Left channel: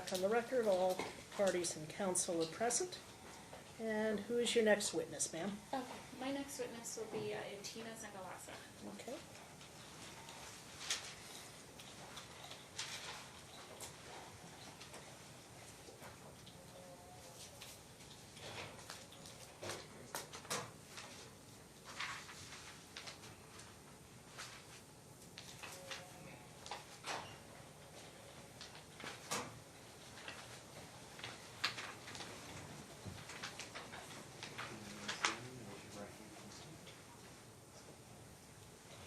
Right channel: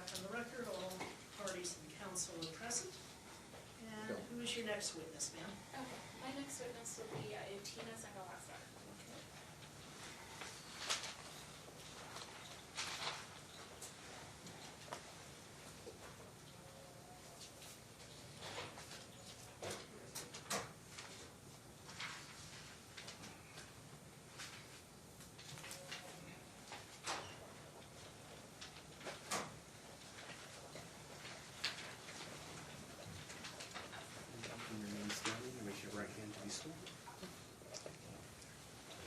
back on the record, all parties and counsel are present. And who is your next witness, ma'am? My next witness will be Keren Sangalaza. Okay.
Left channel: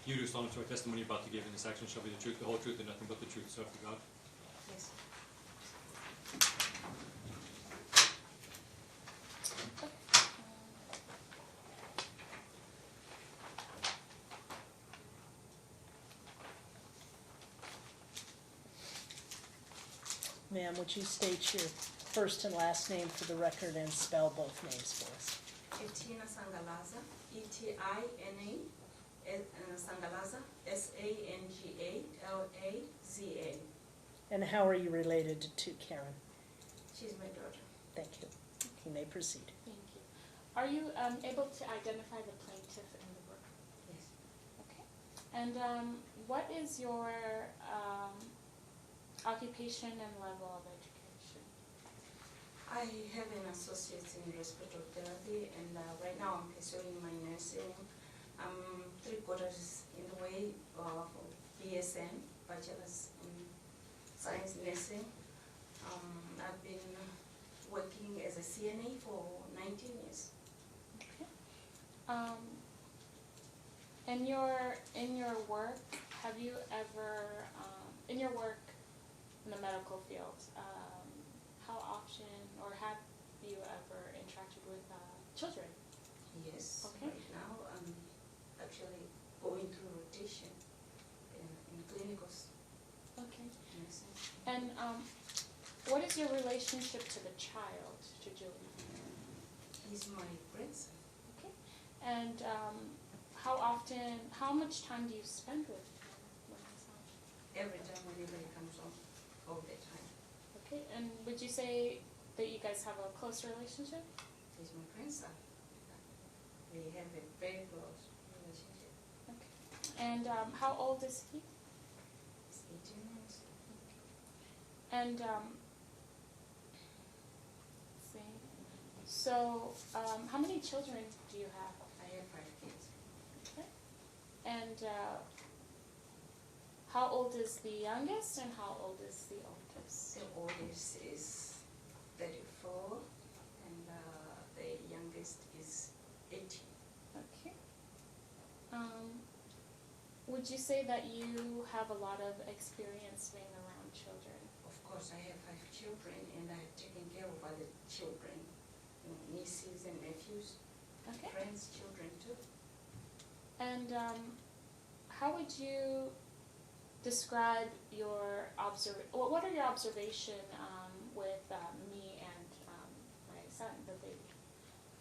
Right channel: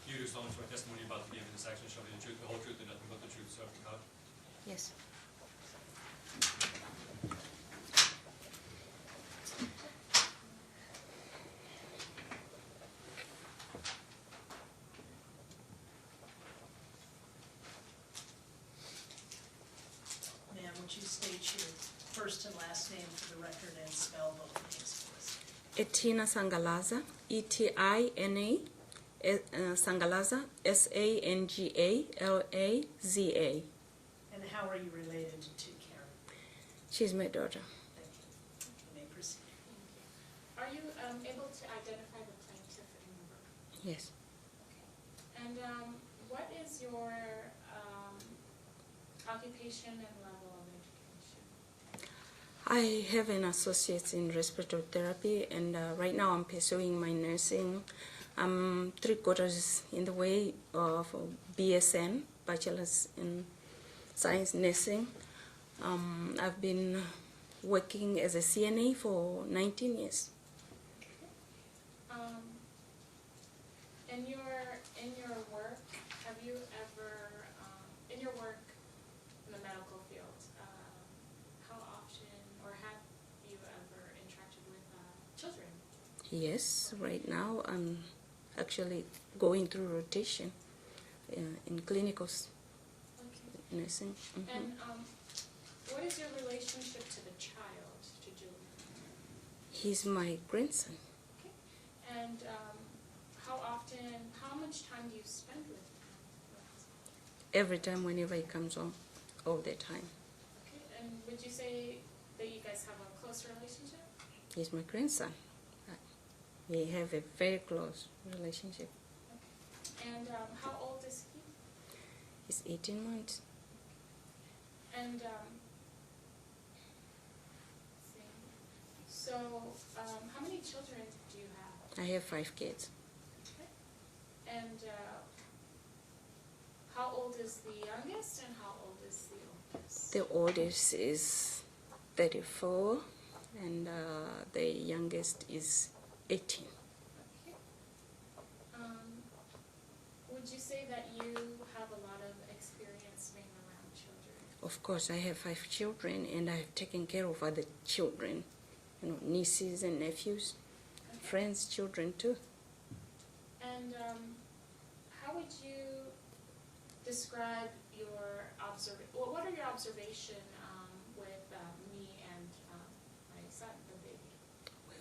You do solemnly swear testimony you're about to give in this action shall be the truth, the whole truth, and nothing but the truth, so help you God. Yes. Ma'am, would you state your first and last name for the record and spell both names for us? Keren Sangalaza, E-T-I-N-A, Sangalaza, S-A-N-G-A-L-A-Z-A. And how are you related to Keren? She's my daughter. Thank you. You may proceed. Thank you. Are you able to identify the plaintiff in the room? Yes. Okay. And what is your occupation and level of education? I have an associate in respiratory therapy, and right now I'm pursuing my nursing. I'm 3/4 in the way of BSN, Bachelor's in Science Nursing. I've been working as a CNA for 19 years. Okay. In your work, have you ever in your work in the medical field, how often or have you ever interacted with children? Yes, Okay. right now I'm actually going through rotation in clinical Okay. nursing. Mhm. And what is your relationship to the child, to Julie? He's my grandson. Okay. And how much time do you spend with him when he's home? Every time, whenever he comes home, all the time. Okay. And would you say that you guys have a close relationship? He's my grandson. We have a very close relationship. Okay. And how old is he? He's 18 months. And so how many children do you have? I have 5 kids. Okay. And how old is the youngest and how old is the oldest? The oldest is 34 and the youngest is 18. Okay. Would you say that you have a lot of experience being around children? Of course, I have 5 children and I've taken care of other children, nieces and nephews, Okay. friends' children too. And how would you describe your what are your observation with me and my son, the baby?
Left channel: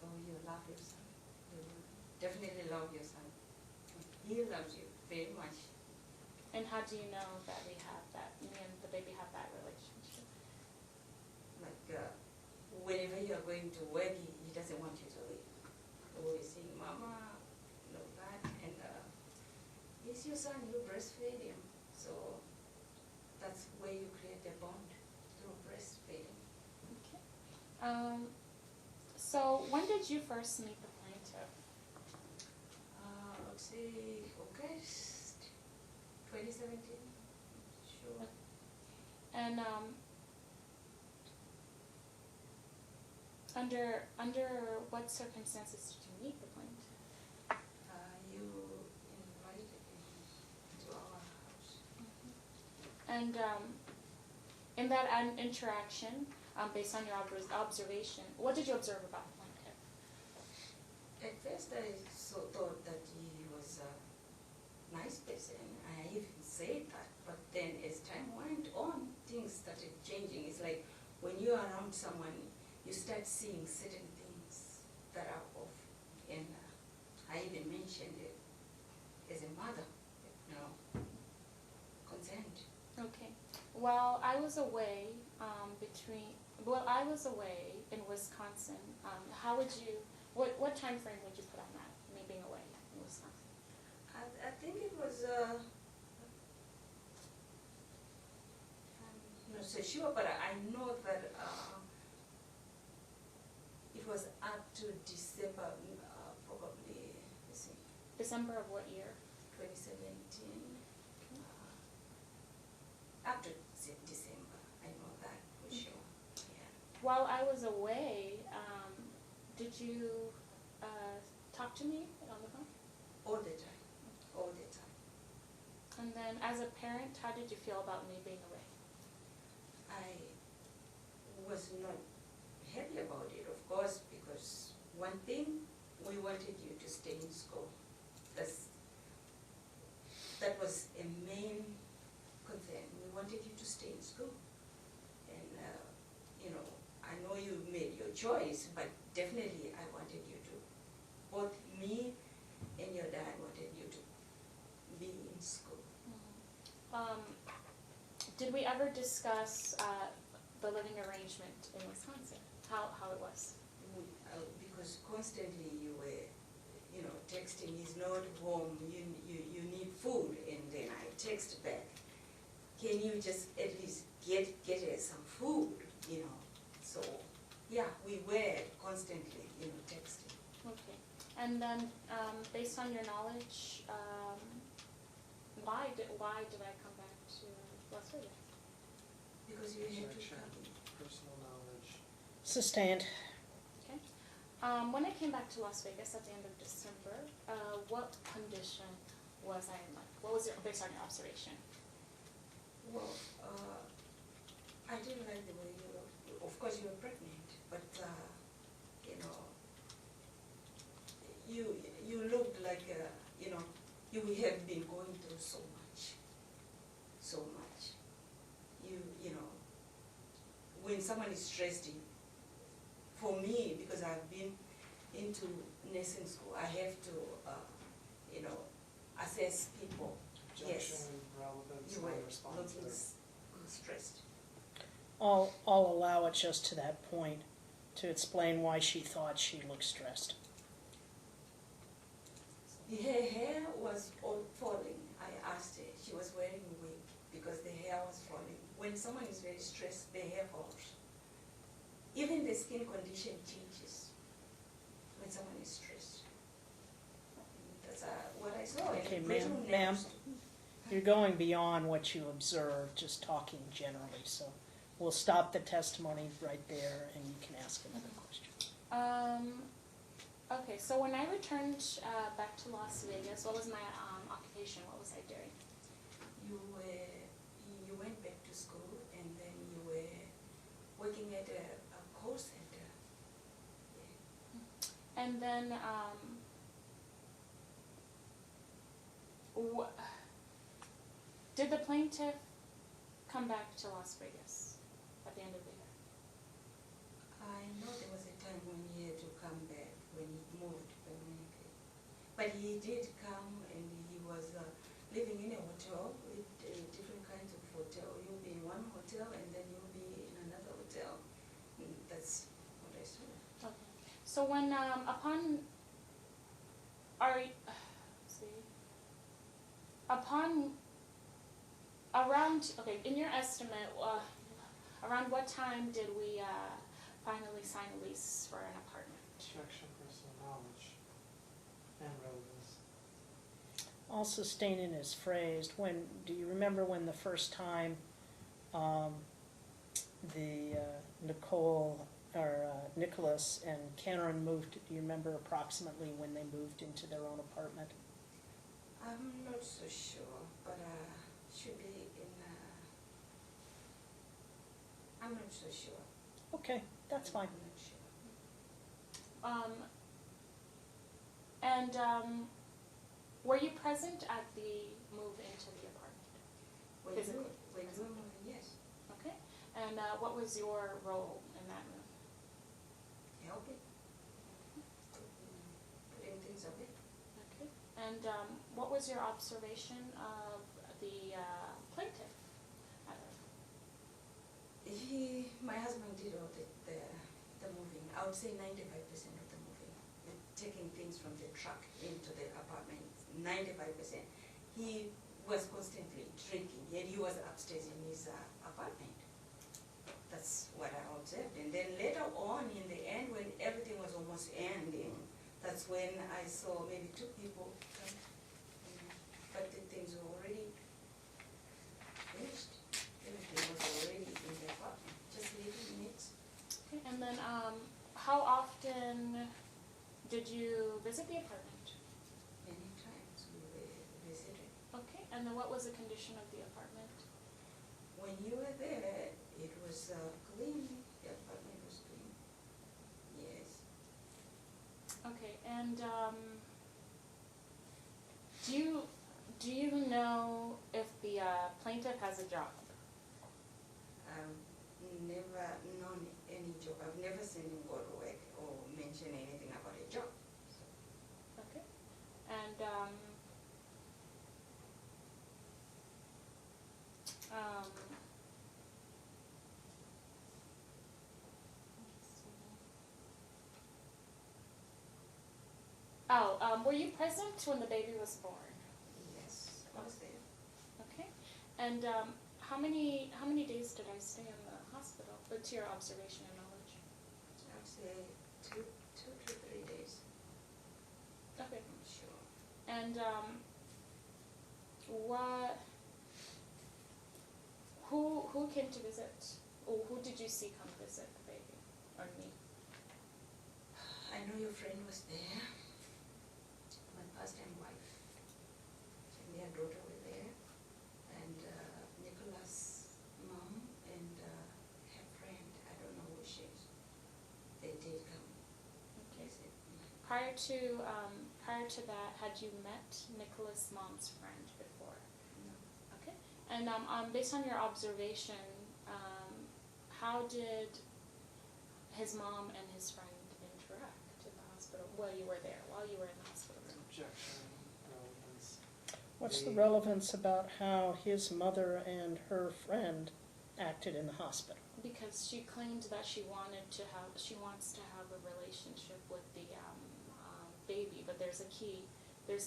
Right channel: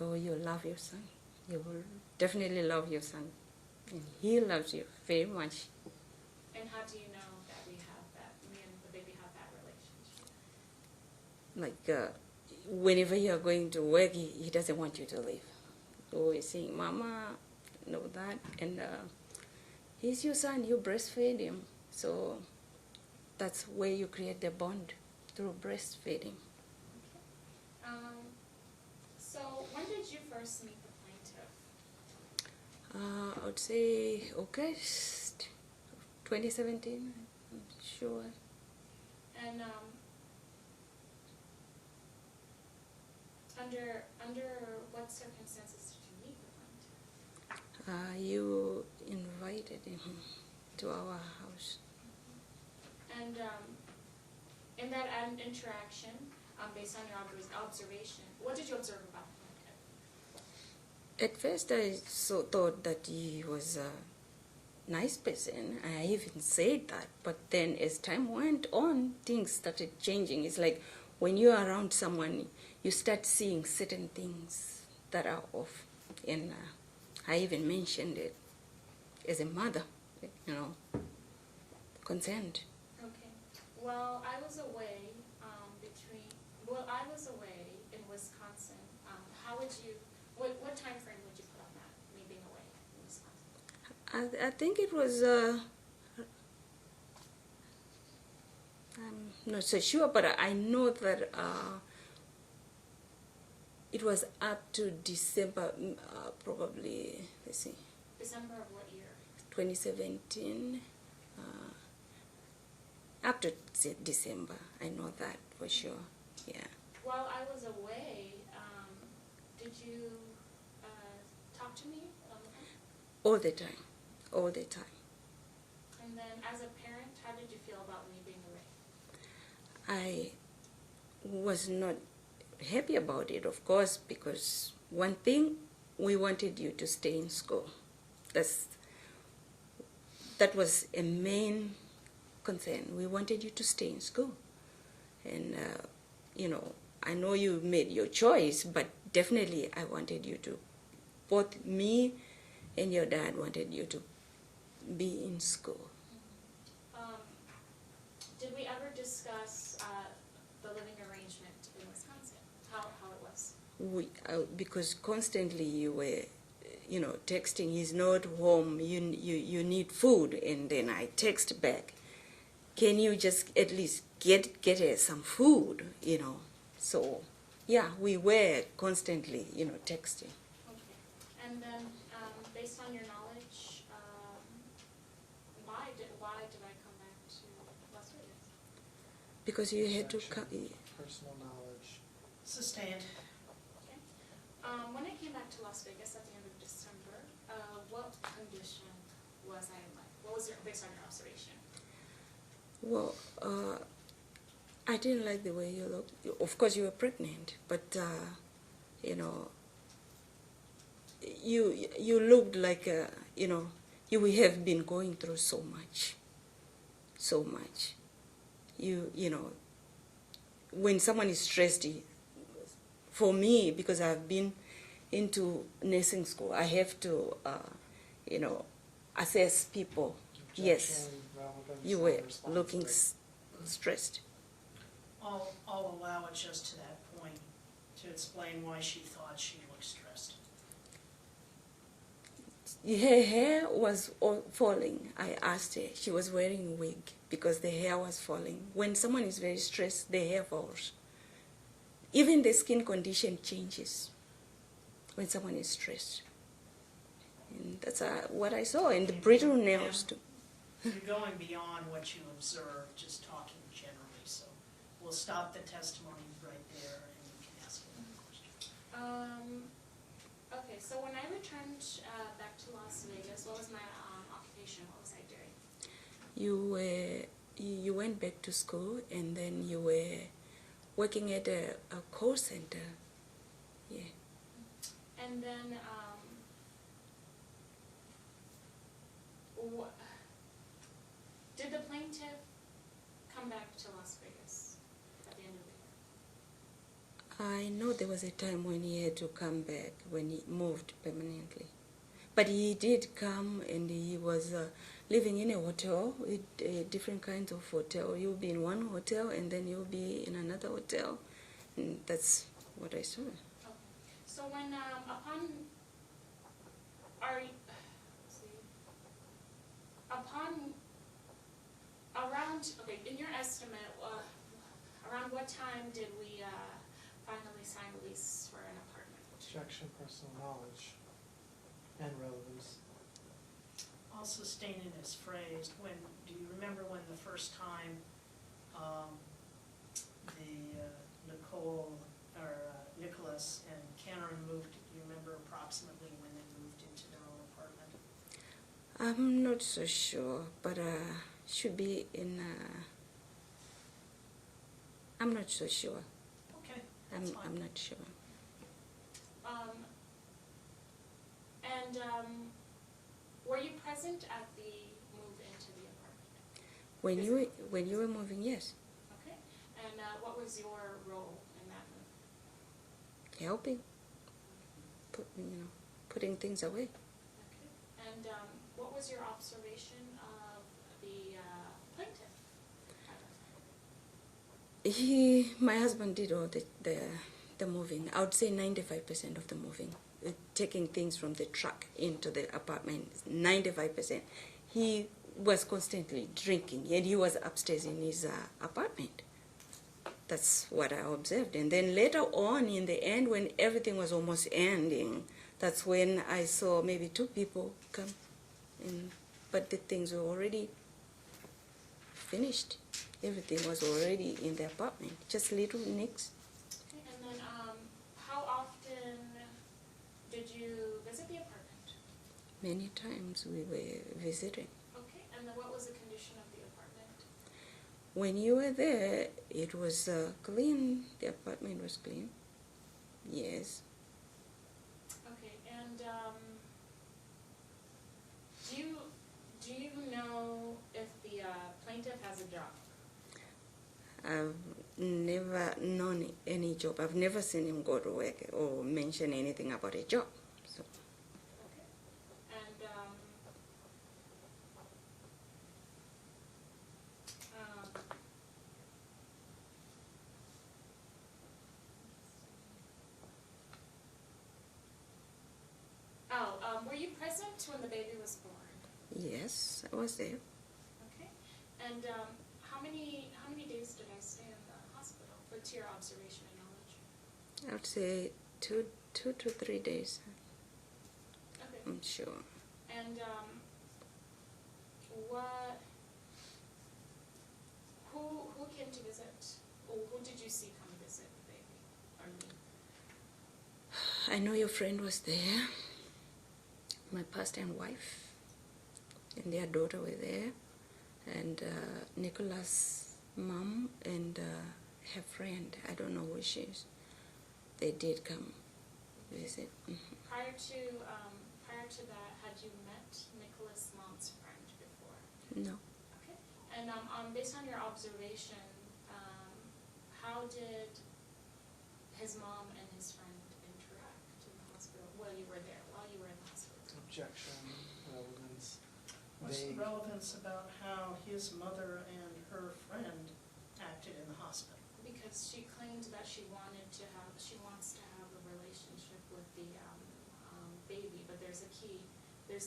Oh, you love your son. You will definitely love your son. And he loves you very much. And how do you know that me and the baby have that relationship? Like whenever you're going to work, he doesn't want you to leave. Always saying, Mama, know that. And he's your son, you breastfeed him. So that's where you create a bond, through breastfeeding. Okay. So when did you first meet the plaintiff? I would say August 2017, I'm sure. And under what circumstances did you meet the plaintiff? You invited him to our house. And in that interaction, based on your observation, what did you observe about the plaintiff? At first I thought that he was a nice person. I even said that. But then as time went on, things started changing. It's like when you're around someone, you start seeing certain things that are off. And I even mentioned it as a mother, concerned. Okay. While I was away I was away in Wisconsin, how would you, what time frame would you put on that, me being away in Wisconsin? I think it was, I'm not so sure, but I know that it was up to December, probably, let's see, December of what year? 2017, up to December. I know that for sure, yeah. While I was away, did you talk to me on the phone? All the time, all the time. And then as a parent, how did you feel about me being away? I was not happy about it, of course, because one thing, we wanted you to stay in school. That was a main concern. We wanted you to stay in school. And, you know, I know you made your choice, but definitely I wanted you to, both me and your dad wanted you to be in school. Did we ever discuss the living arrangement in Wisconsin, how it was? Because constantly you were, you know, texting, he's not home, you need food, and then I text back, can you just at least get her some food, you know? So, yeah, we were constantly, you know, texting. Okay. And then, based on your knowledge, why did I come back to Las Vegas? Because you had to come. Personal knowledge. Sustained. Okay. When I came back to Las Vegas at the end of December, what condition was I in? What was based on your observation? Well, I didn't like the way you looked. Of course, you were pregnant, but you know, you looked like you know, you have been going through so much. You know, when someone is stressed, for me, because I've been into nursing school, I have to, you know, assess people. Yes, you were looking stressed. I'll allow it just to that point to explain why she thought she looked stressed. Her hair was all falling. I asked her. She was wearing a wig because the hair was falling. When someone is very stressed, the hair falls. Even the skin condition changes when someone is stressed. And that's what I saw in the Okay, brittle ma'am, nails too. You're going beyond what you observed, just talking generally, so we'll stop the testimony right there and you can ask another question. Okay, so when I returned back to Las Vegas, what was my occupation? What was I doing? You went back to school and then you were working at a call center. Yeah. And then, did the plaintiff come back to Las Vegas at the end of the year? I know there was a time when he had to come back, when he moved permanently. But he did come and he was living in a hotel, with different kinds of hotel. You'll be in one hotel and then you'll be in another hotel. And that's what I saw. Okay. So when, in your estimate, around what time did we finally sign a lease for an apartment? Objection, personal knowledge and relevance. I'll sustain in his phrase. Do you remember when the first time Nicholas and Keren moved? Do you remember approximately when they moved into their own apartment? I'm not so sure, but should be in. I'm not so sure. Okay, that's fine. I'm not sure. Were you present at the move into the apartment? When you were moving, yes. Okay. And what was your role in that move? Helping, putting things away. Okay. And what was your observation of the plaintiff? My husband did all the moving. I would say 95% of the moving, taking things from the truck into the apartment. 95%. He was constantly drinking, and he was upstairs in his apartment. That's what I observed. And then later on, in the end, when everything was almost ending, that's when I saw maybe 2 people come in, but the things were already finished. Everything was already in the apartment, just little nicks. Okay, and then how often did you visit the apartment? Many times we were visiting. Okay, and then what was the condition of the apartment? When you were there, it was clean. The apartment was clean. Yes. Okay, and do you know if the plaintiff has a job? I've never known any job. I've never seen him go to work or mention anything about a job. So Okay, and were you present when the baby was born? yes, I was there. Okay, and how many days did I stay in the hospital? What's your observation and knowledge? I would say 2 to 3 days. Okay, I'm sure. and who came to visit? Or who did you see come visit the baby or me? I know your friend was there. My pastor and wife and their daughter were there, and Nicola's mom and her friend. I don't know who she is. They did come visit. Prior to that, had you met Nicola's mom's friend before? No. Okay. And based on your observation, how did his mom and his friend interact in the hospital while you were there, while you were in the hospital? Objection, relevance. What's the They- relevance about how his mother and her friend acted in the hospital? Because she claimed that she wants to have a relationship with the baby, but there's a key. Who,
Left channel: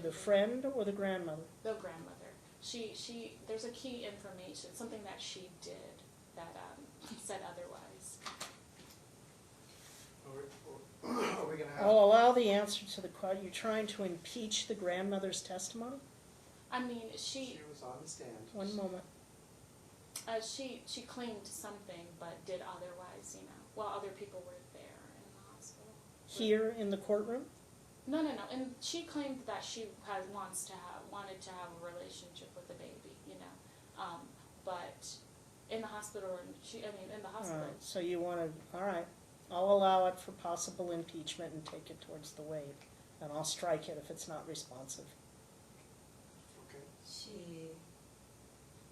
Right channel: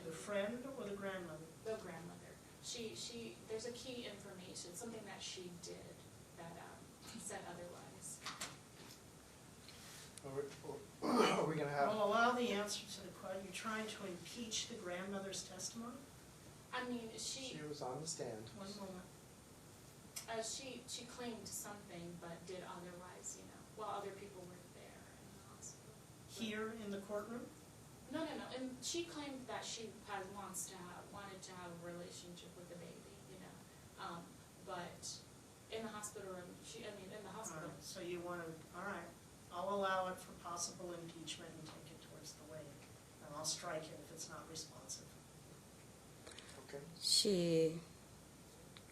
the friend or the grandmother? The grandmother. There's a key information, something that she did that said otherwise. Are we gonna have? I'll allow the answer to the question. You're trying to impeach the grandmother's testimony? I mean, She was on the stand. One moment. she claimed something, but did otherwise, while other people were there in the hospital. Here in the courtroom? No. And she claimed that she wanted to have a relationship with the baby, but in the hospital, in the All hospital. right, so you want to, all right. I'll allow it for possible impeachment and take it towards the waive. And I'll strike it if it's not responsive. Okay. She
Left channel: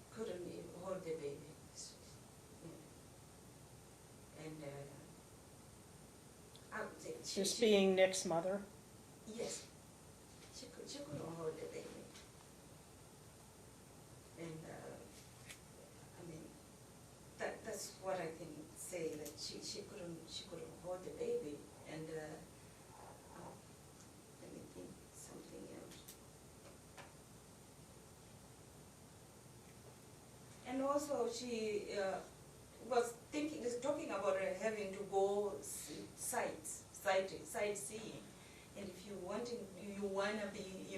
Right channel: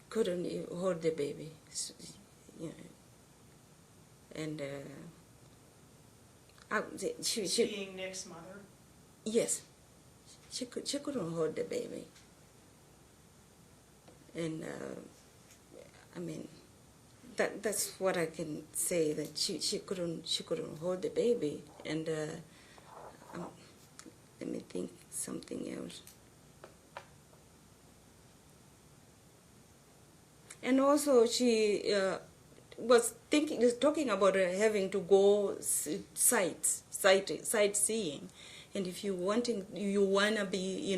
couldn't hold the baby, and She's being Nick's mother? yes, she couldn't hold the baby, and that's what I can say, that she couldn't hold the baby, and let me think something else. And also she was talking about having to go sightseeing, and if you wanna be,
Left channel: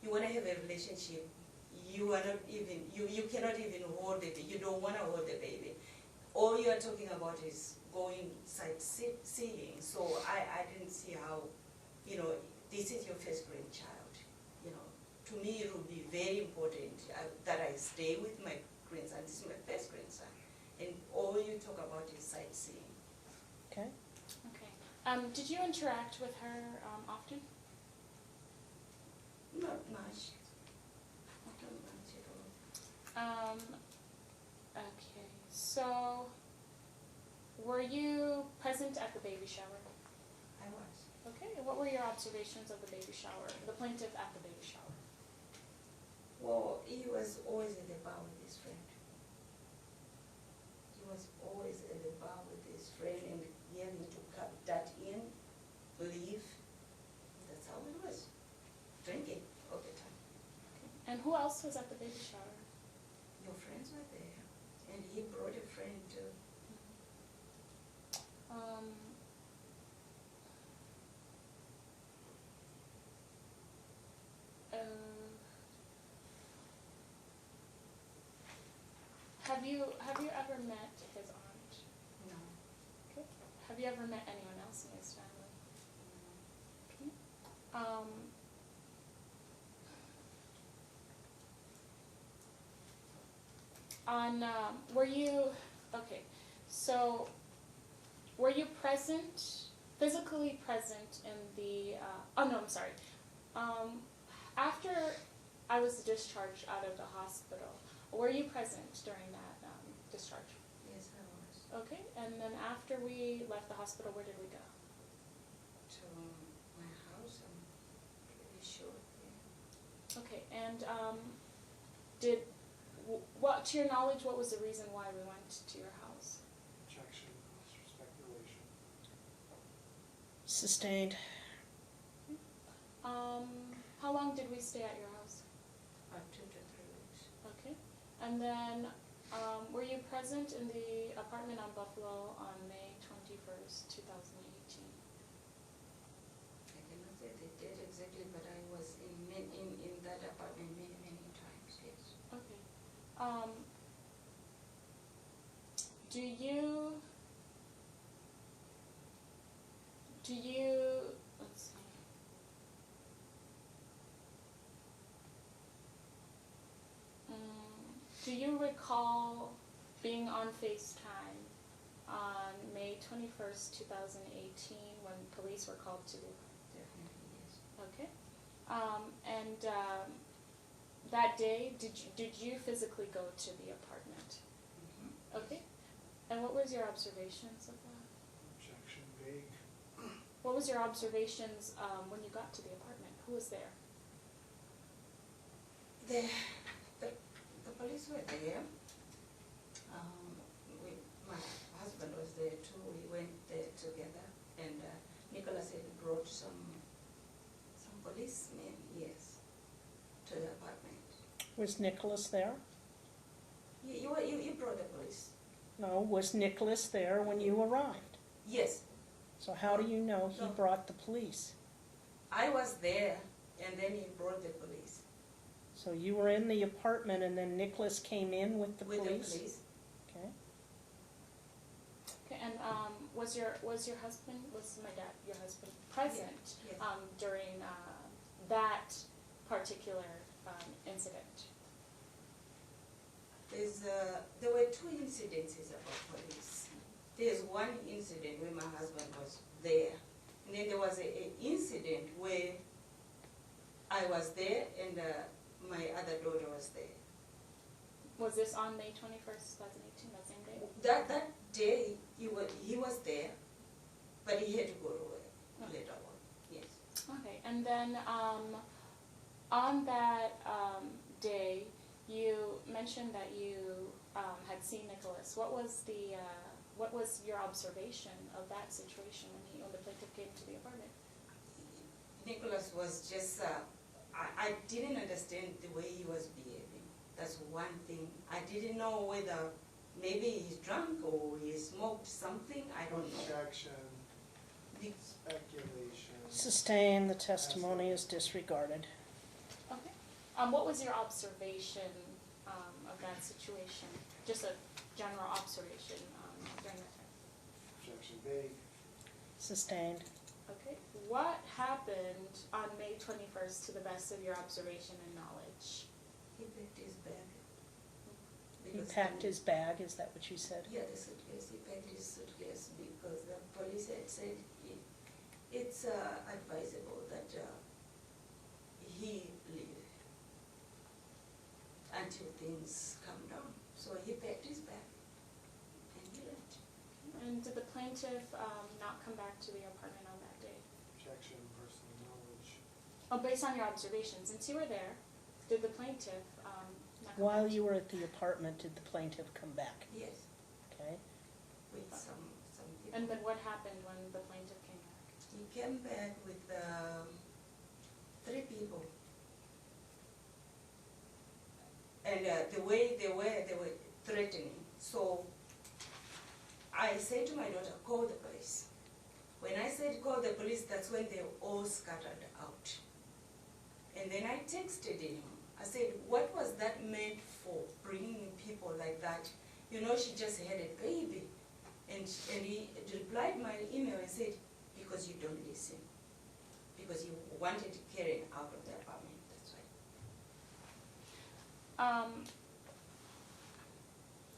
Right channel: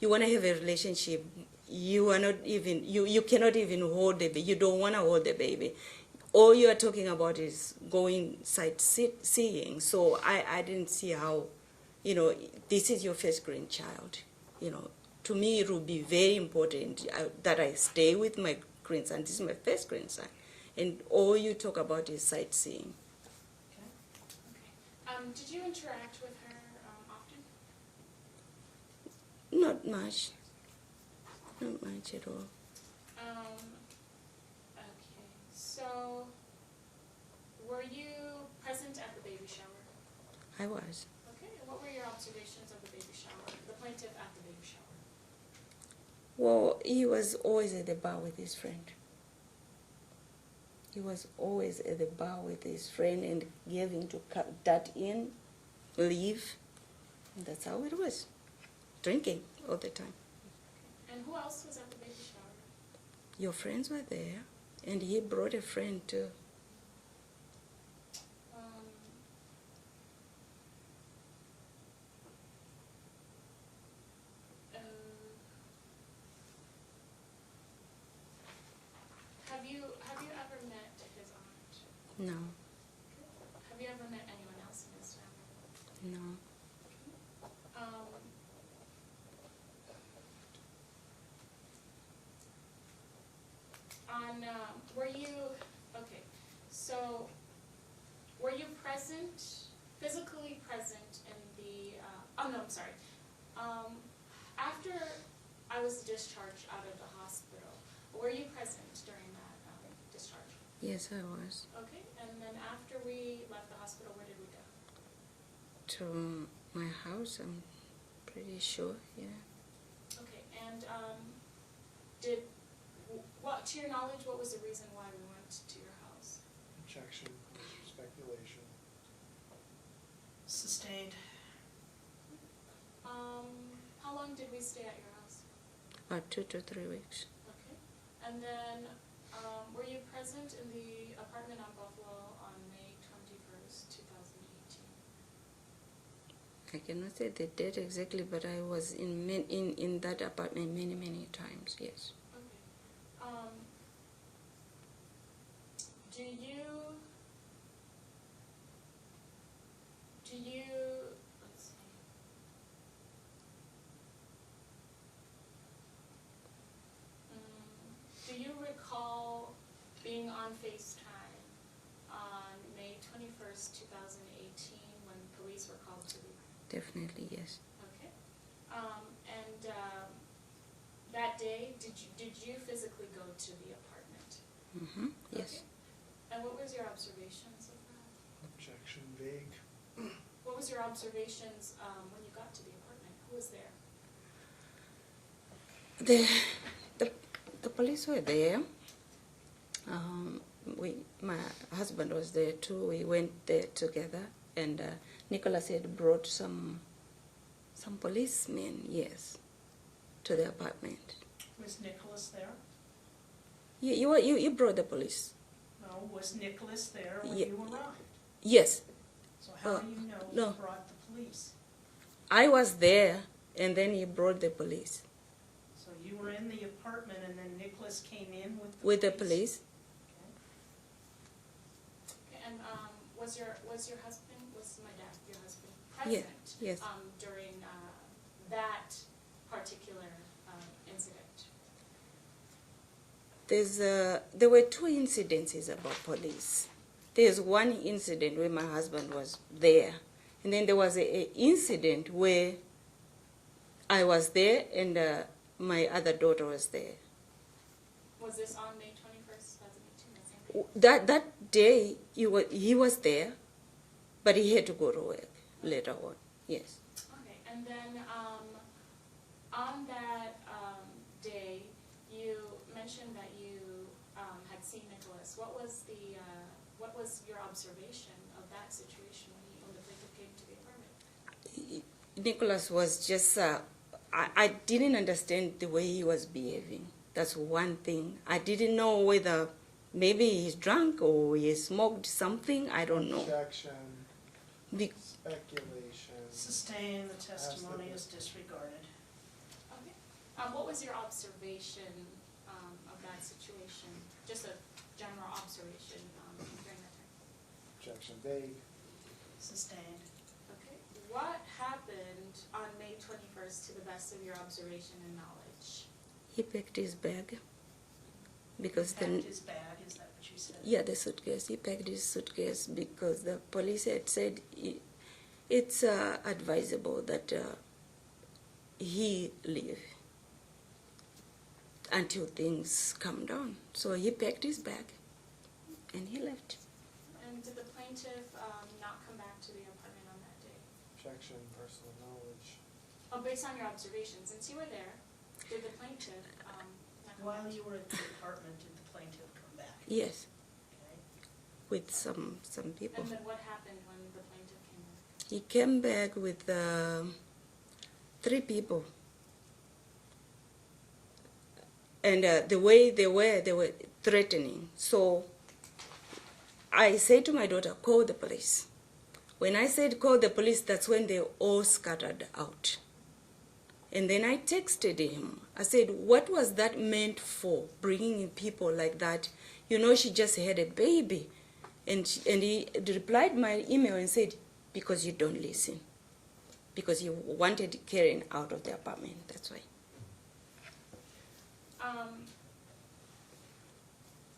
you wanna have a relationship, you cannot even hold the baby. You don't wanna hold the baby. All you are talking about is going sightseeing. So I didn't see how, this is your first grandchild. To me it would be very important that I stay with my grandson. This is my first grandson, and all you talk about is sightseeing. Okay. Okay. Did you interact with her often? Not much. Not much at all. Okay. So, were you present at the baby shower? I was. Okay. What were your observations of the baby shower? The plaintiff at the baby shower. Well, he was always at the bar with his friend. He was always at the bar with his friend and gave him to cut that in, leave. And that's how it was. Drinking all the time. And who else was at the baby shower? Your friends were there, and he brought a friend too. Have you ever met his aunt? No, Okay. Have you ever met anyone else in his family? no. Were you, okay, so were you present, physically present in the, oh no, I'm sorry. After I was discharged out of the hospital, were you present during that discharge? Yes, I was. Okay, and then after we left the hospital, where did we go? To my house, I'm pretty sure, yeah. Okay, and to your knowledge, what was the reason why we went to your house? Objection, speculation. Sustained. How long did we stay at your house? About 2 to 3 weeks. Okay, and then were you present in the apartment on Buffalo on May 21st, 2018? I cannot say the date exactly, but I was in that apartment many, many times, yes. Okay. Do you, let's see. Do you recall being on FaceTime on May 21st, 2018 when police were called to the Definitely, yes. Okay. That day, did you physically go to the apartment? Mm-hmm, yes. Okay. And what was your observations of that? Objection, vague. What was your observations when you got to the apartment? Who was there? The police were there. My husband was there too. We went there together, and Nicholas had brought some policemen, yes, to the apartment. Was Nicholas there? You brought the police. No, was Nicholas there when Ye- you arrived? Yes, So how do you know he no. brought the police? I was there, and then he brought the police. So you were in the apartment and then Nicholas came in with the With police? the police. Okay. Okay, and was your husband, was my dad, your husband, present yes. During that particular incident? There were 2 incidences about police. There's one incident where my husband was there, and then there was a incident where I was there and my other daughter was there. Was this on May 21st, 2018, that same day? That day he was there, but he had to go to work later on. Yes. Okay, and then on that day, you mentioned that you had seen Nicholas. What was your observation of that situation when the plaintiff came to the apartment? Nicholas was just, I didn't understand the way he was behaving. That's one thing. I didn't know whether maybe he's drunk or he smoked something, I don't know. Objection, Be- speculation. Sustained, the testimony is disregarded. Okay. What was your observation of that situation? Just a general observation during that time. Objection, vague. Sustained. Okay. What happened on May 21st to the best of your observation and knowledge? He packed his bag. He Because packed his bag, is that what you said? yeah, the suitcase. He packed his suitcase because the police had said it's advisable that he leave until things calm down. So he packed his bag and he left. And did the plaintiff not come back to the apartment on that day? Objection, personal knowledge. Oh, based on your observations, since you were there, did the plaintiff not come While back? you were at the apartment, did the plaintiff come back? Yes. Okay. with some people. And then what happened when the plaintiff came back? He came back with 3 people. And the way they were threatening. So I said to my daughter, call the police. When I said call the police, that's when they all scattered out. And then I texted him. I said, what was that meant for, bringing in people like that? You know, she just had a baby. And he replied my email and said, because you don't listen. Because you wanted Keren out of the apartment, that's why.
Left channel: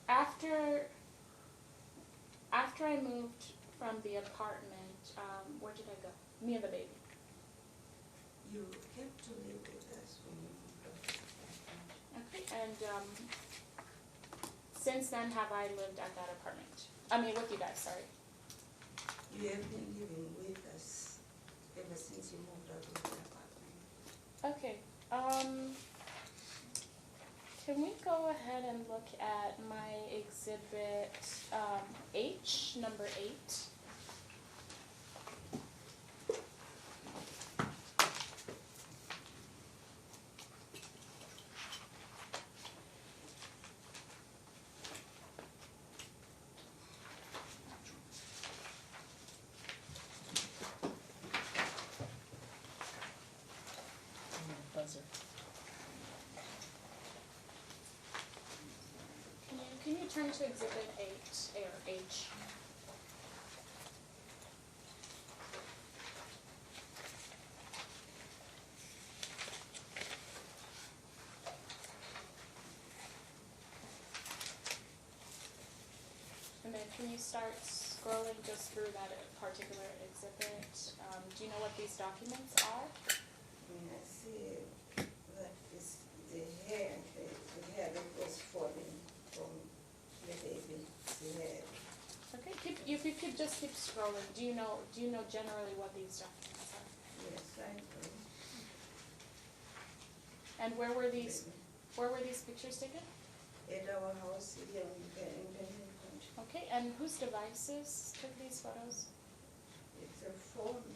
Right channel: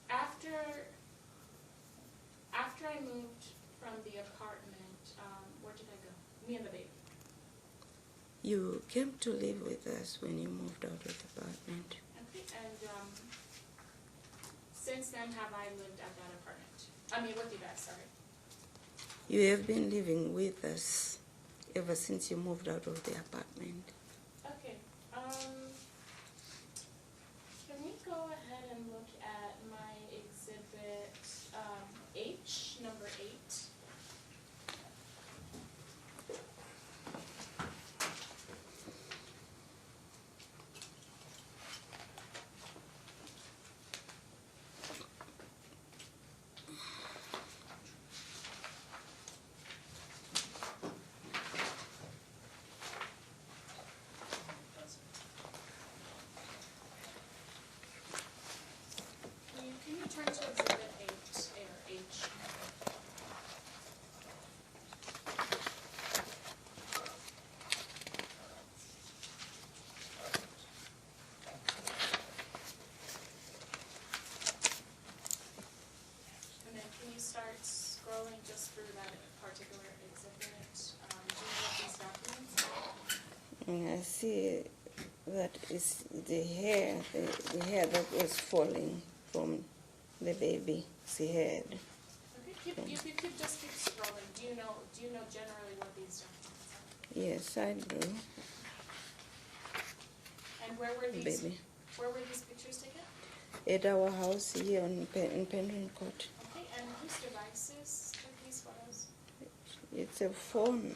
After I moved from the apartment, where did I go? Me and the baby. You came to live with us when you moved out of the apartment. Okay, and since then have I lived at that apartment? I mean with you guys, sorry. You have been living with us ever since you moved out of the apartment. Okay, can we go ahead and look at my exhibit H, number 8? Buzzer. Can you turn to exhibit 8, or H? And then can you start scrolling just through that particular exhibit? Do you know what these documents are? And I see that is the hair that was falling from the baby's head. Okay, you could just keep scrolling. Do you know generally what these documents are? Yes, I do. And where were these Baby. pictures taken? At our house here in Penryn Court. Okay, and whose devices took these photos? It's a phone.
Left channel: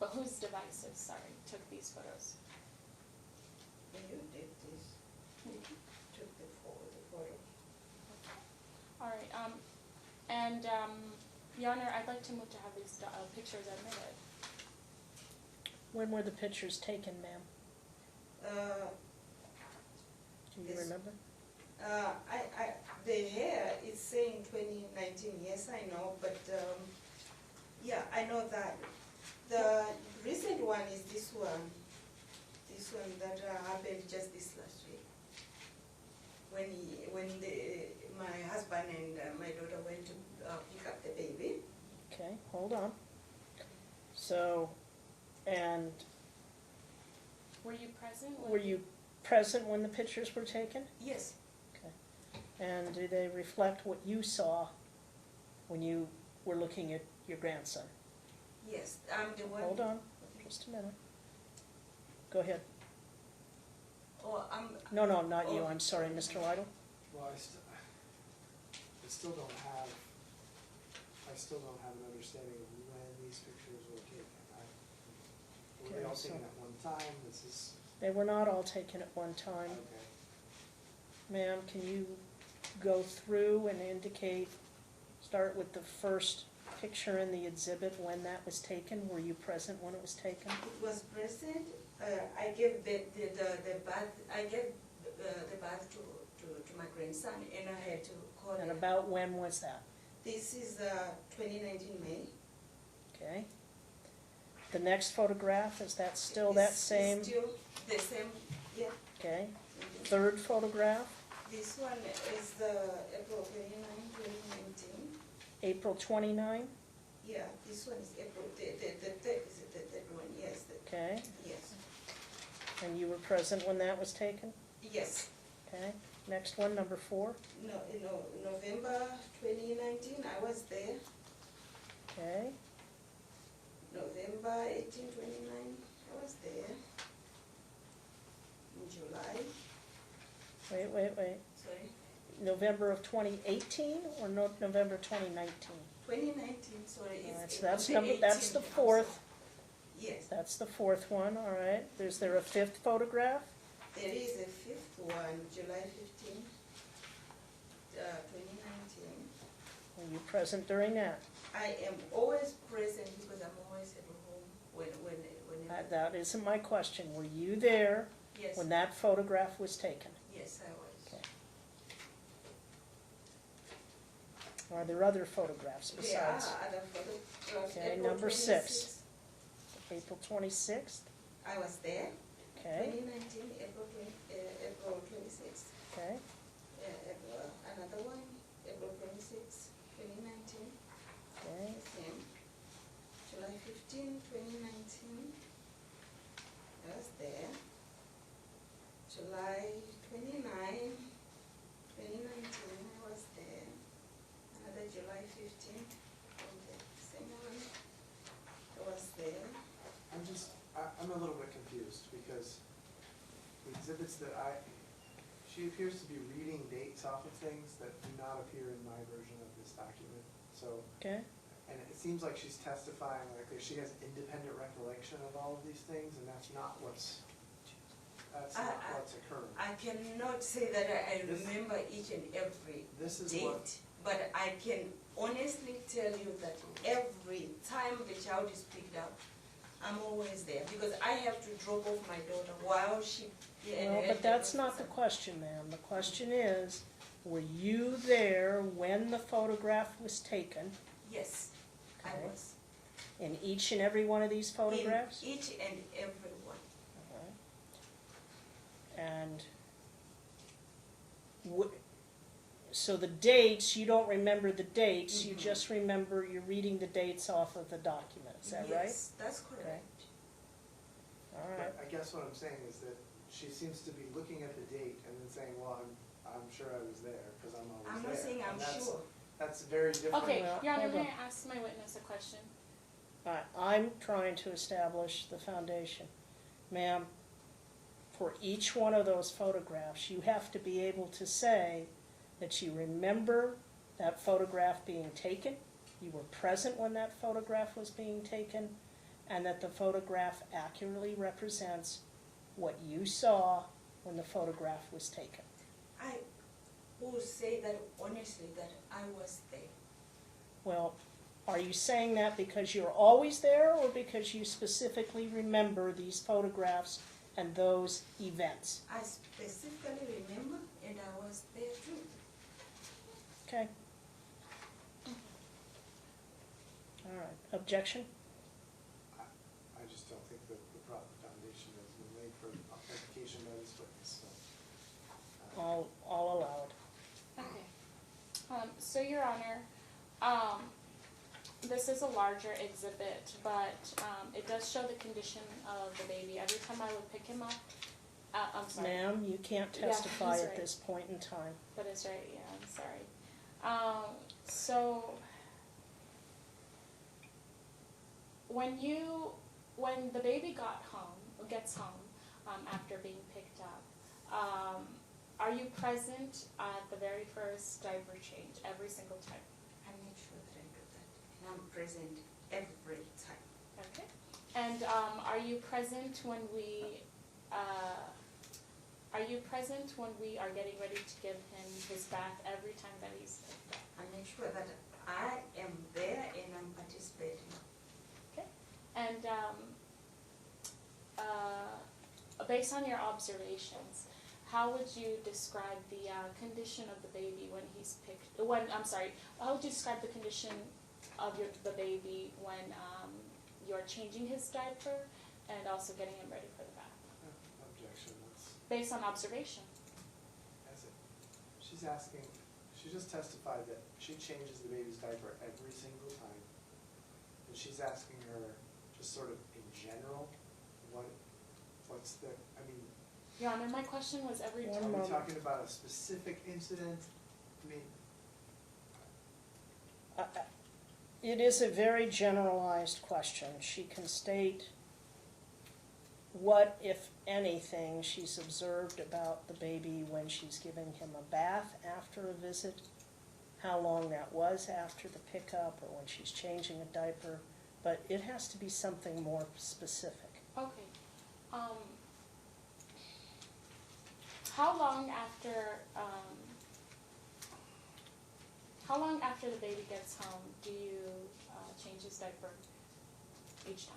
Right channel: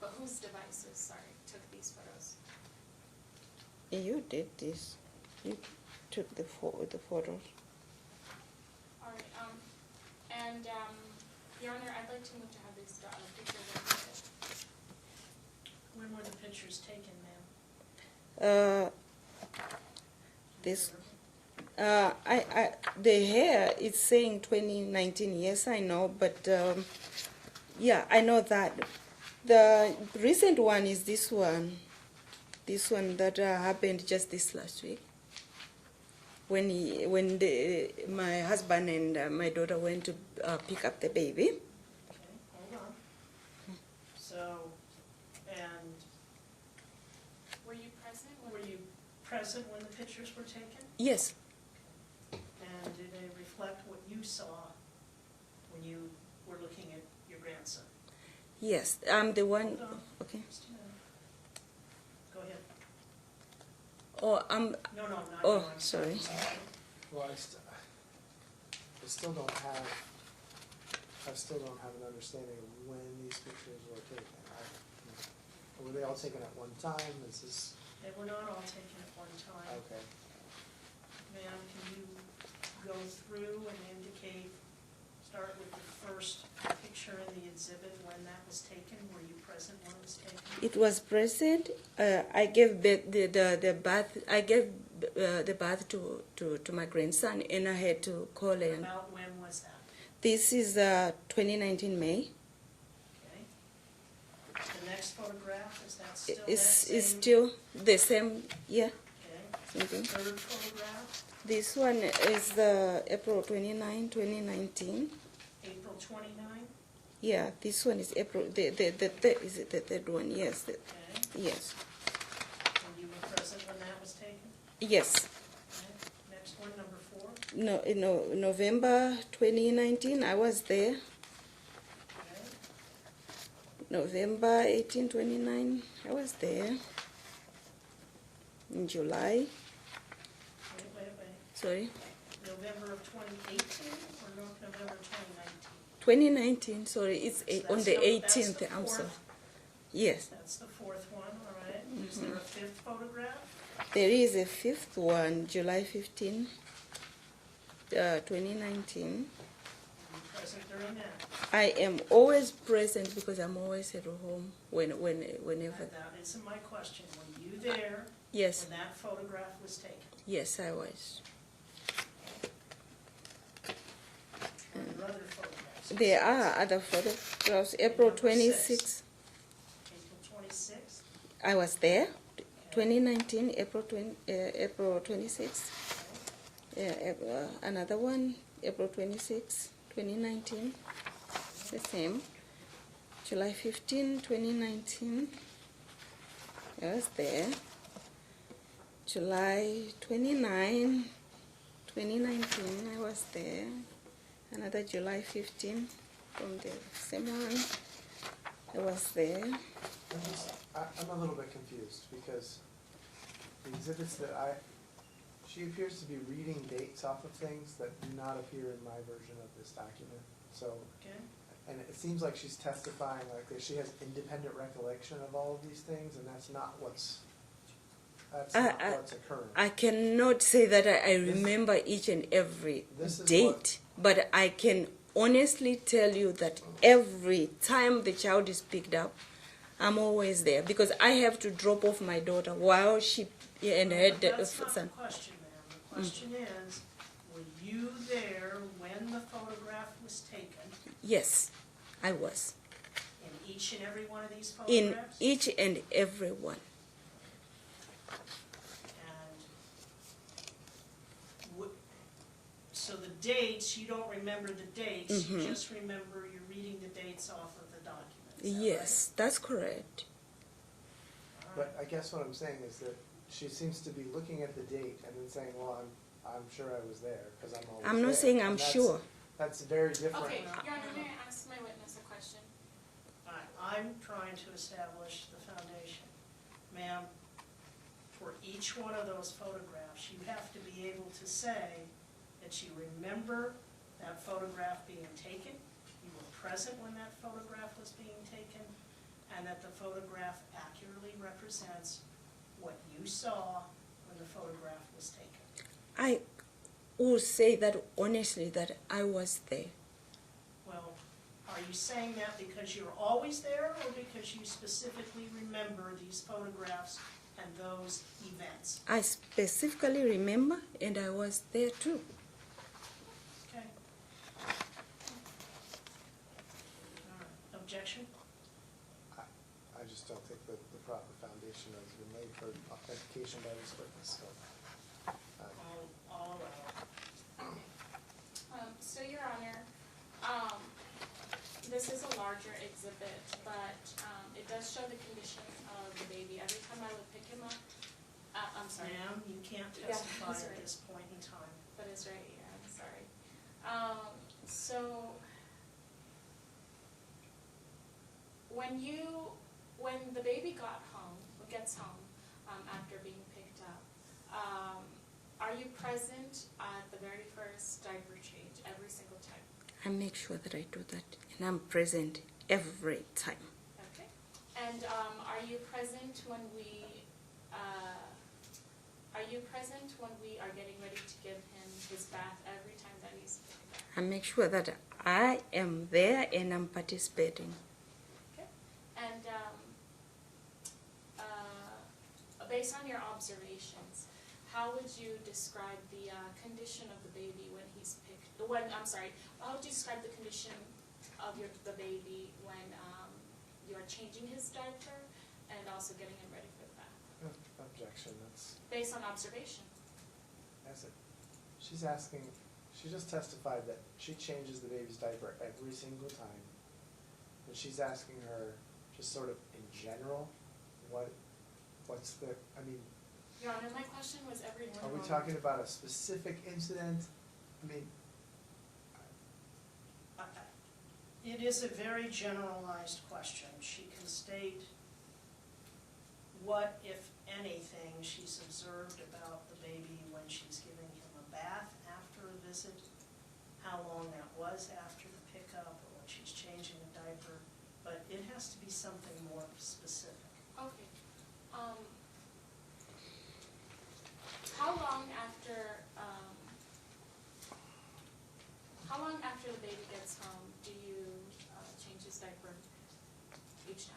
But whose devices, sorry, took these photos? You did this. You took the photos. All right, and Your Honor, I'd like to move to have these pictures admitted. When were the pictures taken, ma'am? Do you This- remember? The hair is saying 2019. Yes, I know, but yeah, I know that. The recent one is this one. This one that happened just this last week. When my husband and my daughter went to pick up the baby. Okay, hold on. So, and Were you present? were you present when the pictures were taken? Yes. And do they reflect what you saw when you were looking at your grandson? Yes, I'm the one. Hold on. Okay. Just a minute. Go ahead. Oh, No, not Oh, you, I'm sorry, sorry. Mr. Lytle. Well, I still don't have an understanding of when these pictures were taken. Were they all taken at one time? This is, They were not all taken at one time. okay. Ma'am, can you go through and indicate, start with the first picture in the exhibit, when that was taken? Were you present when it was taken? it was present. I gave the bath. I gave the bath to my grandson, and I had to call And him. about when was that? This is 2019 May. Okay. The next photograph, is that still that It's same? still the same. Yeah. Okay. Mhm. Third photograph, This one is April 29, 2019. April 29, Yeah, this one is April. Is it the third one? Yes. okay. Yes. And you were present when that was taken? Yes. Okay. Next one, number 4, No, November 2019. I was there. okay. November 18, 29. I was there. In July. Wait. Sorry. November of 2018 or November 2019? 2019, sorry, it's on the 18th. That's the I'm sorry. fourth. Yes, That's the fourth one, all right. Is there a fifth photograph? there is a fifth one, July 15, 2019. Were you present during that? I am always present because I'm always at home whenever. That isn't my question. Were you there Yes, when that photograph was taken? yes, I was. Are there other photographs? There besides are other photographs. Okay, April number 6. 26th, April 26th? I was there. Okay. 2019, April 26th. Okay. Yeah, another one, April 26th, 2019. Okay. The same. July 15, 2019. I was there. July 29, 2019. I was there. Another July 15 from the same one. I was there. I'm a little bit confused because the exhibits that she appears to be reading dates off of things that do not appear in my version of this document. So, Okay. and it seems like she's testifying like that she has independent recollection of all of these things, and that's not what's occurring. I cannot say that I This- remember each and every This is date, but I can honestly tell you that every time the child is picked up, I'm always there because I have to drop off my daughter while she and her But that's not the son. question, ma'am. The question is, were you there when the photograph was taken Yes, I was in each and every one of these in photographs? each and every one. And so the dates, you don't remember the dates, you Mhm. just remember you're reading the dates off of the document, is that right? Yes, that's correct. All right. But I guess what I'm saying is that she seems to be looking at the date and then saying, well, I'm sure I was there, because I'm always there. I'm not saying I'm And that's- sure. That's very different. Okay, Well, Your Honor, hold may on. I ask my witness a question? I'm trying to establish the foundation. Ma'am, for each one of those photographs, you have to be able to say that you remember that photograph being taken, you were present when that photograph was being taken, and that the photograph accurately represents what you saw when the photograph was taken. I will say that honestly that I was there. Well, are you saying that because you're always there, or because you specifically remember these photographs and those events? I specifically remember, and I was there too. Okay. All right, objection? I just don't think that the proper foundation has been laid for authentication by this witness, so. I'll allow it. So, Your Honor, this is a larger exhibit, but it does show the condition of the baby. Every time I would pick him up, I'm sorry. Ma'am, you can't Yeah, testify that's at right. this point in time. That is right, yeah, I'm sorry. So, when the baby gets home, after being picked up, are you present at the very first diaper change, every single time? I make sure that I do that, and I'm present every time. Okay. And are you present when we are getting ready to give him his bath every time that he's picked up? I make sure that I am there and I'm participating. Okay. And based on your observations, how would you describe the condition of the baby when he's picked? How would you describe the condition of the baby when you're changing his diaper and also getting him ready for the bath? No, objection, that's, Based on observation. that's it. She's asking, she just testified that she changes the baby's diaper every single time. And she's asking her, just sort of in general, what's the, I mean, Your Honor, my question was every One are time. we moment. talking about a specific incident? I mean, It is a very generalized question. She can state what, if anything she's observed about the baby when she's giving him a bath after a visit, how long that was after the pickup, or when she's changing a diaper, but it has to be something more specific. Okay. How long after the baby gets home do you change his diaper each time?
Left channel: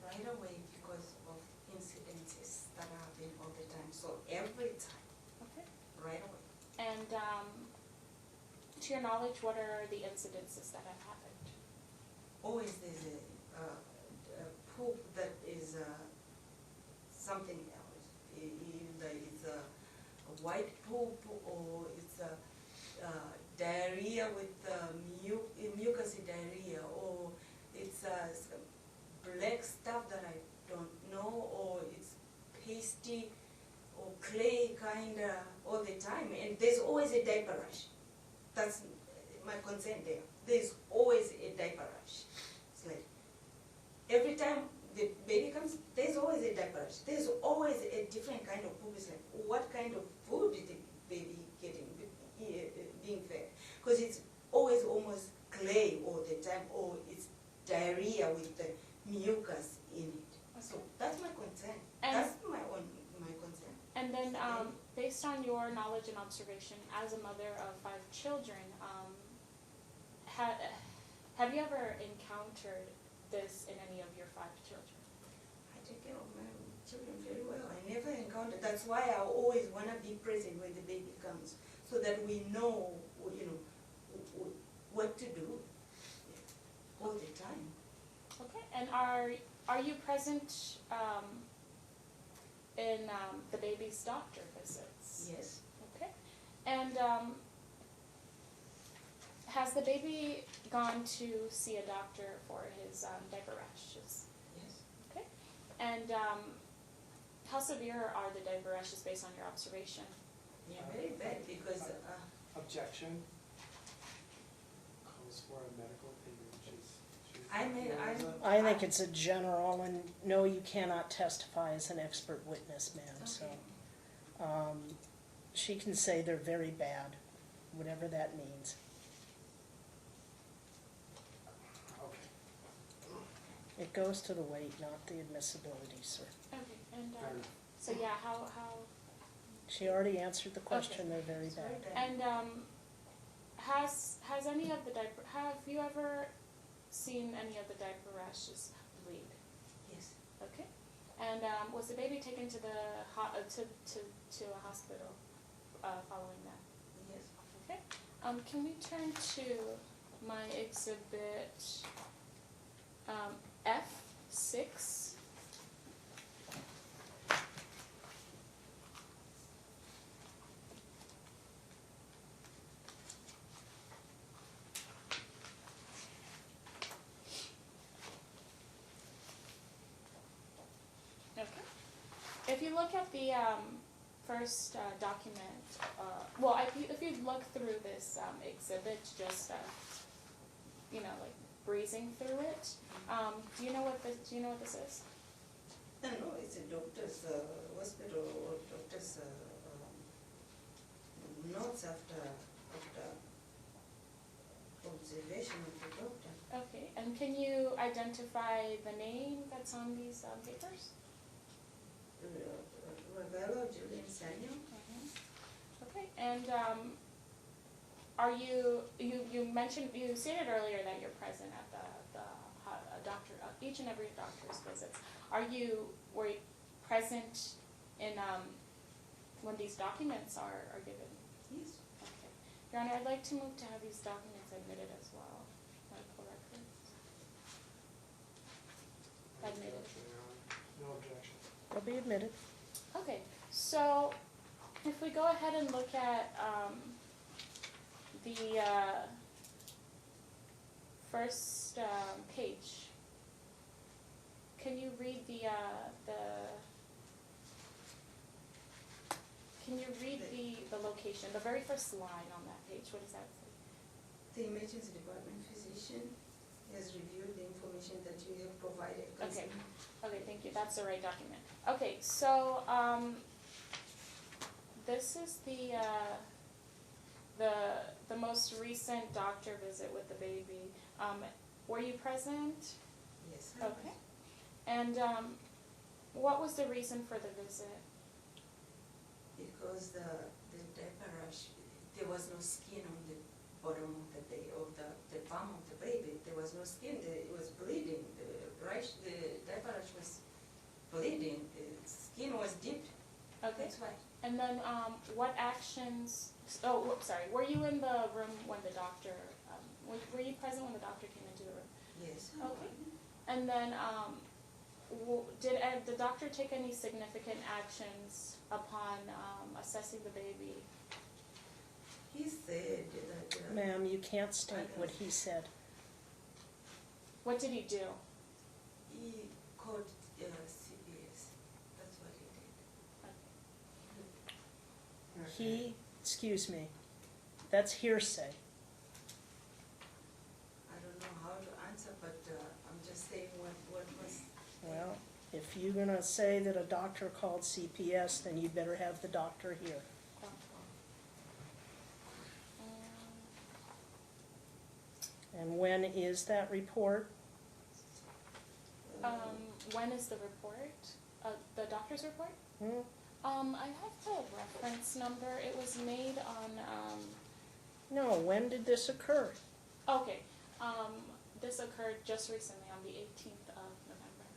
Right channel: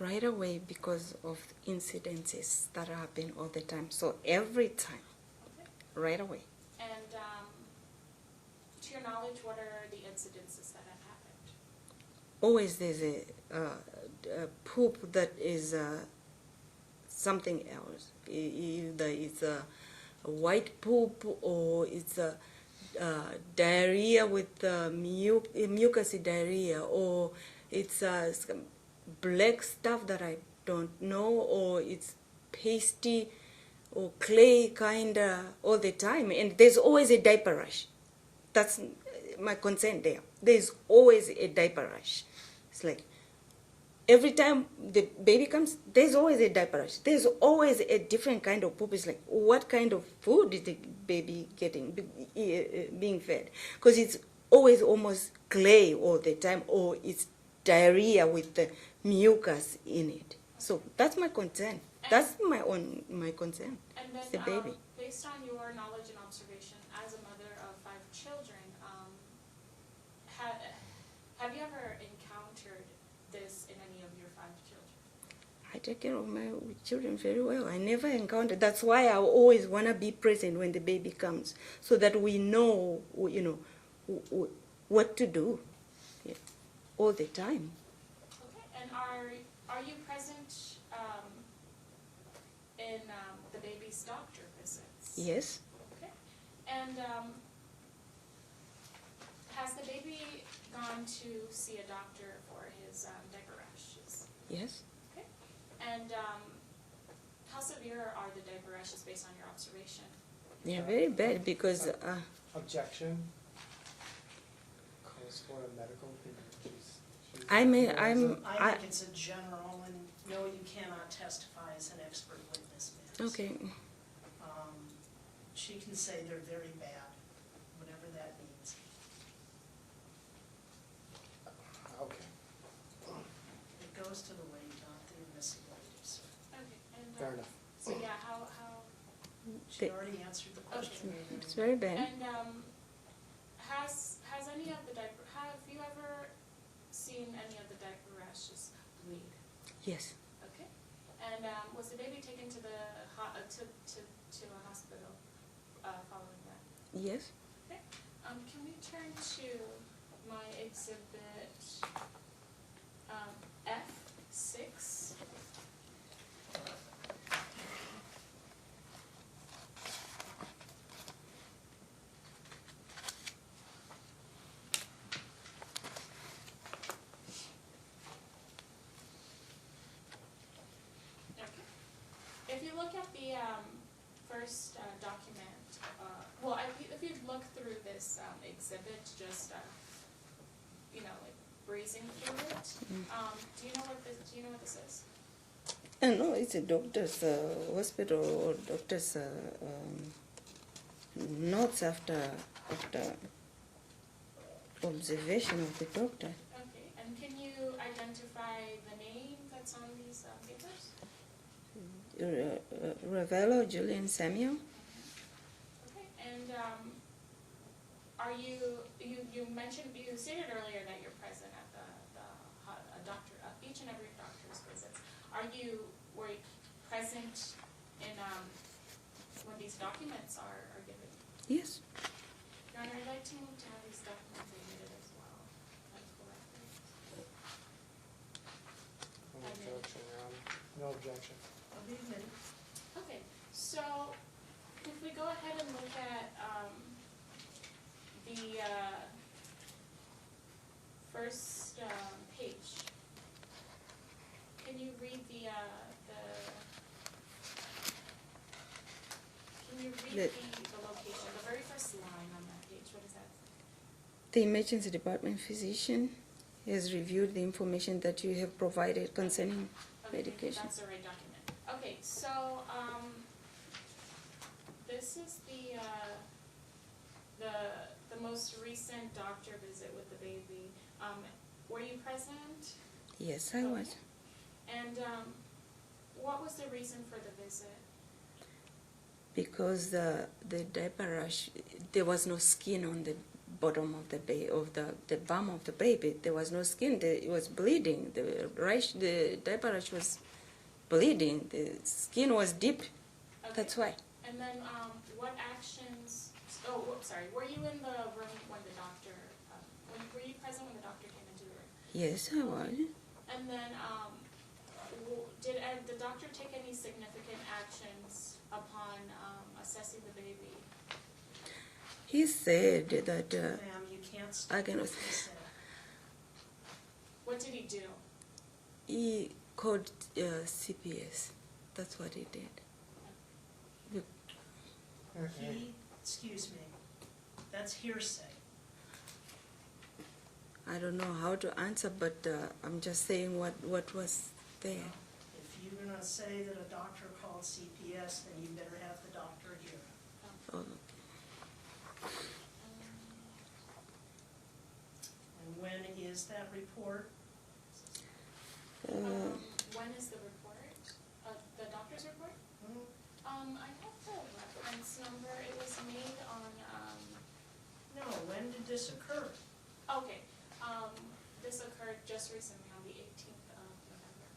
Right away because of incidences that happen all the time. So every time, Okay. right away. And to your knowledge, what are the incidences that have happened? Always there's a poop that is something else. Either it's a white poop or it's a diarrhea with mucusy diarrhea, or it's black stuff that I don't know, or it's pasty or clay kinda all the time, and there's always a diaper rash. That's my concern there. There's always a diaper rash. It's like every time the baby comes, there's always a diaper rash. There's always a different kind of poop. It's like, what kind of food is the baby getting, being fed? Because it's always almost clay all the time, or it's diarrhea with the mucus in it. So that's my concern. And That's my concern. And then, the baby. based on your knowledge and observation as a mother of 5 children, have you ever encountered this in any of your 5 children? I take care of my children very well. I never encountered. That's why I always want to be present when the baby comes, so that we know, what to do, all the time. Okay. And are you present in the baby's doctor visits? Yes. Okay. And has the baby gone to see a doctor for his diaper rashes? Yes. Okay. And how severe are the diaper rashes based on your observation? They are very bad because Objection. Calls for a medical opinion. I think it's a general, and no, you cannot testify as an expert witness, ma'am. okay. So, she can say they're very bad, whatever that means. Okay, It goes to the weight, not the admissibility, sir. Okay. And fair enough. so yeah, how She already answered the question, Okay. they're very It's bad. very bad. and has any of the diaper, have you ever seen any of the diaper rashes bleed? Yes. Okay. And was the baby taken to the to a hospital following that? Yes. Okay. Can we turn to my exhibit F6? If you look at the first document, well, if you look through this exhibit, just like breezing through it, do you know what this is? No, it's a doctor's hospital or doctor's notes after observation of the doctor. Okay, and can you identify the name that's on these papers? Ravello, Julian Samuel. Okay, and are you mentioned, you stated earlier that you're present at the doctor, each and every doctor's visits. Were you present in when these documents are given? Yes. Your Honor, I'd like to move to have these documents admitted as well, medical records. No objection, Your Honor. No objection. They'll be admitted. Okay, so if we go ahead and look at the first page, can you read the location, the very first line on that page? What does that say? The emergency department physician has reviewed the information that you have provided concerning Okay, thank you. medication. That's the right document. Okay, so, this is the most recent doctor visit with the baby. Were you present? Yes, I Okay. was. And, what was the reason for the visit? Because the diaper rash, there was no skin on the bottom of the bum of the baby. There was no skin. It was bleeding. The diaper rash was bleeding. The skin was deep. Okay. That's why. And then, what actions, sorry, were you in the room when the doctor, were you present when the doctor came into the room? Yes, I was. Okay. And then, did the doctor take any significant actions upon assessing the baby? He said that Ma'am, you can't state can- what he said. What did he do? he called CPS. That's what he did. Excuse me, that's hearsay. I don't know how to answer, but I'm just saying what was there. Well, if you're gonna say that a doctor called CPS, then you better have the doctor here. Oh, And when is that report? When is the report? The doctor's report? Hmm? I have the reference number. It was made on, No, when did this occur? okay, this occurred just recently on the 18th of November.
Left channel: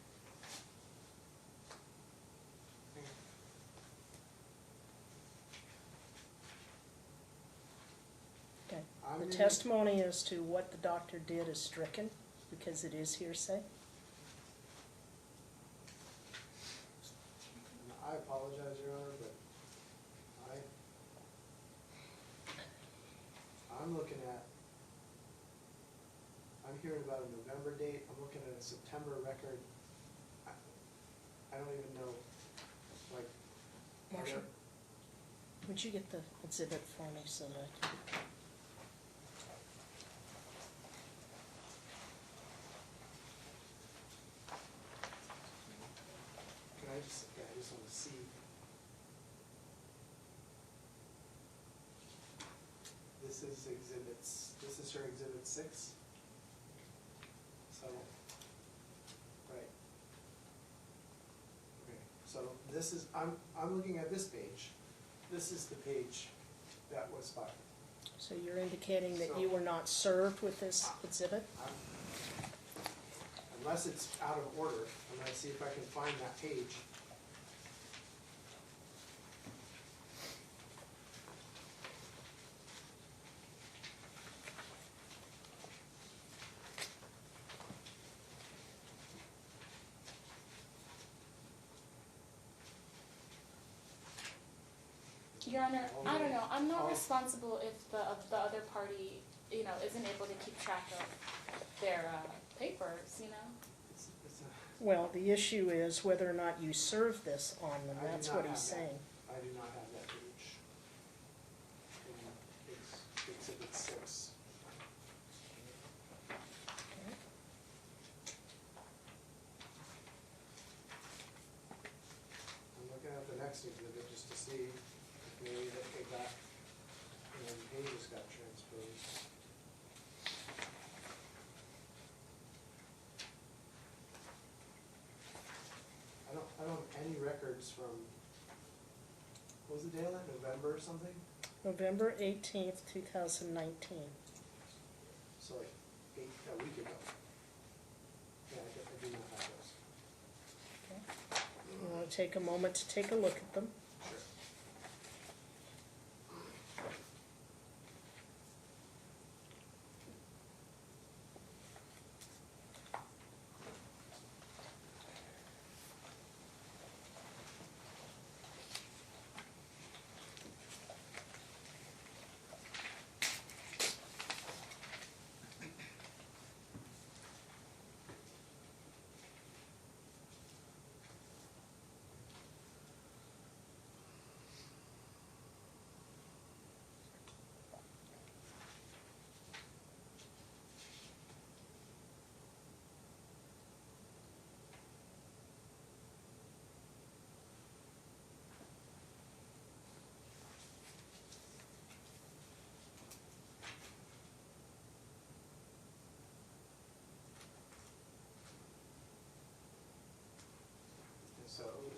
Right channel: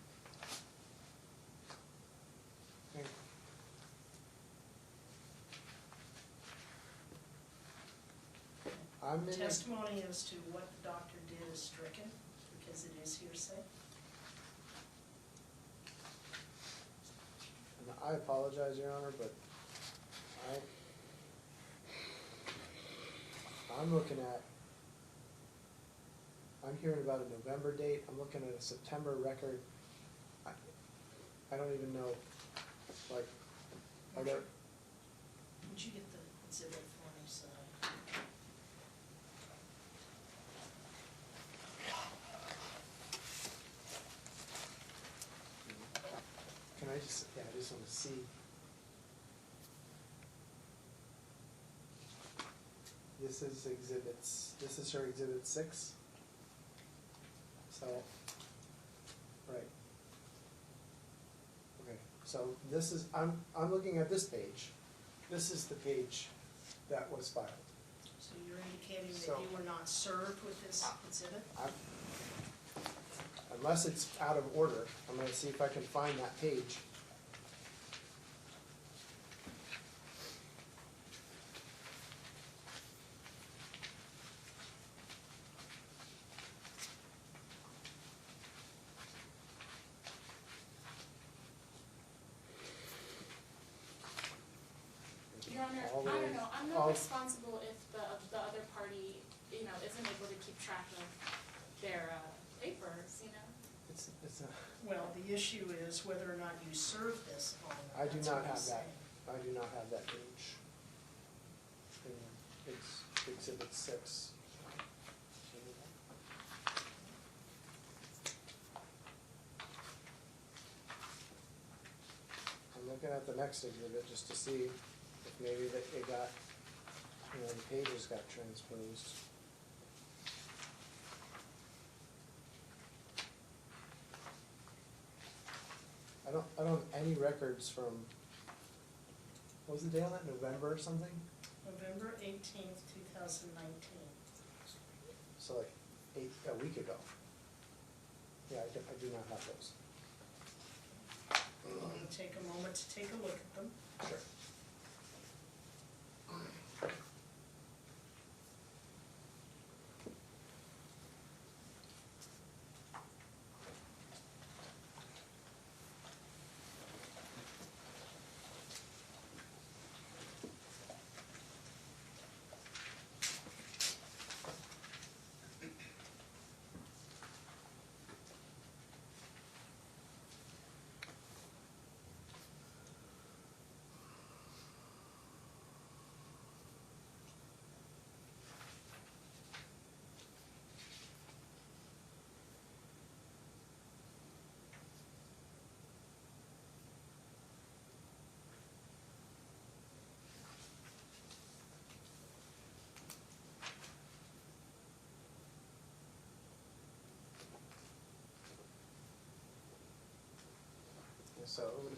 Okay. I'm The gonna- testimony as to what the doctor did is stricken because it is hearsay. And I apologize, Your Honor, but I'm looking at, I'm hearing about a November date, I'm looking at a September record. I don't even know, like, are there, Marcia, would you get the exhibit for me so that? can I just, yeah, I just want to see. This is her exhibit 6. So, right. Okay, so this is, I'm looking at this page. This is the page that was filed. So you're indicating that So- you were not served with this exhibit? Unless it's out of order, I'm gonna see if I can find that page. Your Honor, All I don't the- know, I'm not all- responsible if the other party, isn't able to keep track of their papers, It's a, Well, the issue is whether or not you served this on them, I do that's not what have he's that. saying. I do not have that page. It's exhibit 6. I'm looking at the next exhibit just to see if maybe that it got, the pages got transposed. I don't have any records from, what was the date on that, November or something? November 18th, 2019. So like a week ago. Yeah, I do not have those. You want to take a moment to take a look at them? Sure.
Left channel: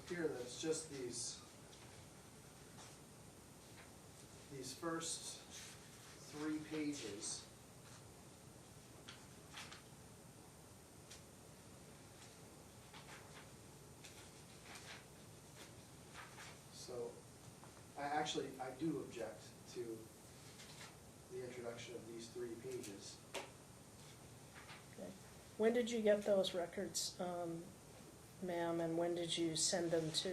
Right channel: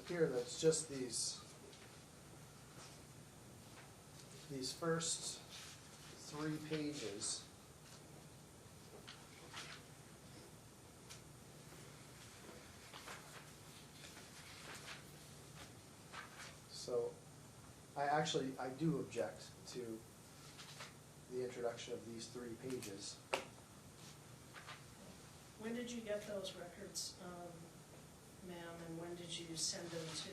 here that it's just these first 3 pages. So, I do object to the introduction of these 3 pages. When did you get those records, ma'am, and when did you send them to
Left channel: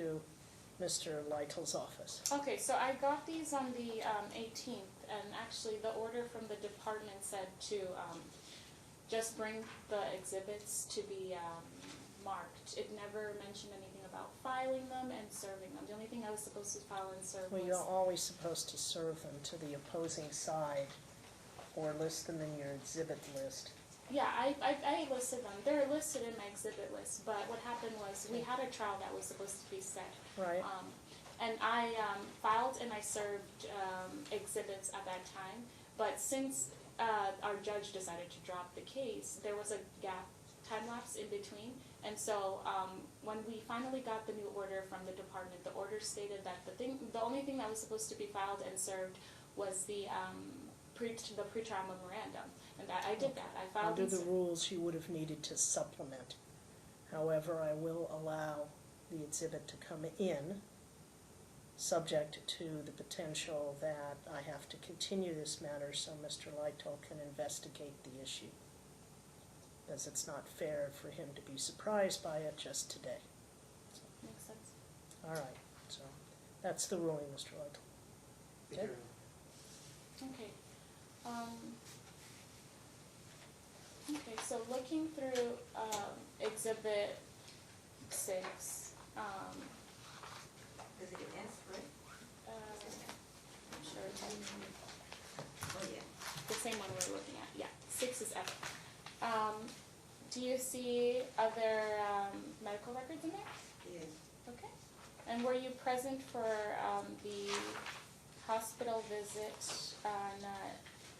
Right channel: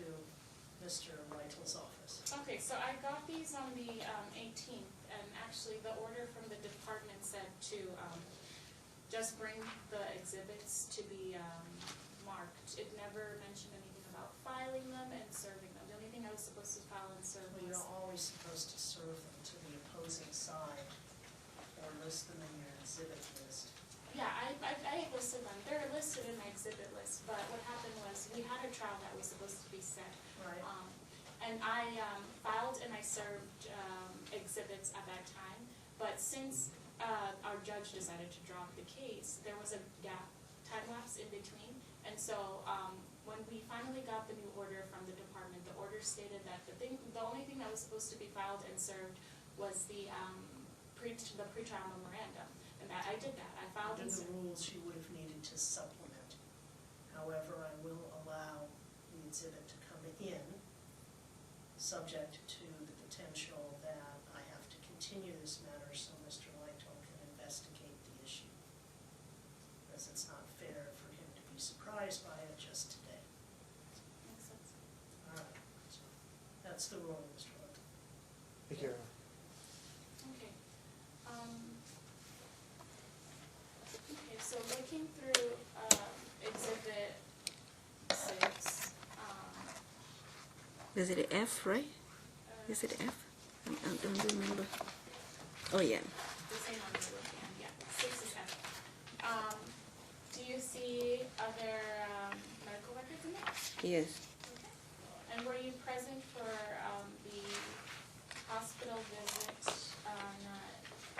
Mr. Lytle's office? Okay, so I got these on the 18th, and actually the order from the department said to just bring the exhibits to be marked. It never mentioned anything about filing them and serving them. The only thing I was supposed to file and serve Well, was... you're always supposed to serve them to the opposing side or list them in your exhibit list. Yeah, I listed them. They're listed in my exhibit list, but what happened was we had a trial that was supposed to be set. Right. And I filed and I served exhibits at that time, but since our judge decided to drop the case, there was a gap, time lapse in between, and so when we finally got the new order from the department, the order stated that the only thing that was supposed to be filed and served was the pretrial memorandum, and that I did that. I filed Under and the rules, you would have needed to supplement. However, I will allow the exhibit to come in, subject to the potential that I have to continue this matter so Mr. Lytle can investigate the issue. As it's not fair for him to be surprised by it just today. makes sense. All right, so that's the ruling, Mr. Lytle. Thank you. Okay. Okay, so looking through exhibit 6, Is it F, right? Is it F? I don't remember. Oh, yeah. the same one we were looking at, yeah, 6 is F. Do you see other medical records in there? Yes. Okay. And were you present for the hospital visit on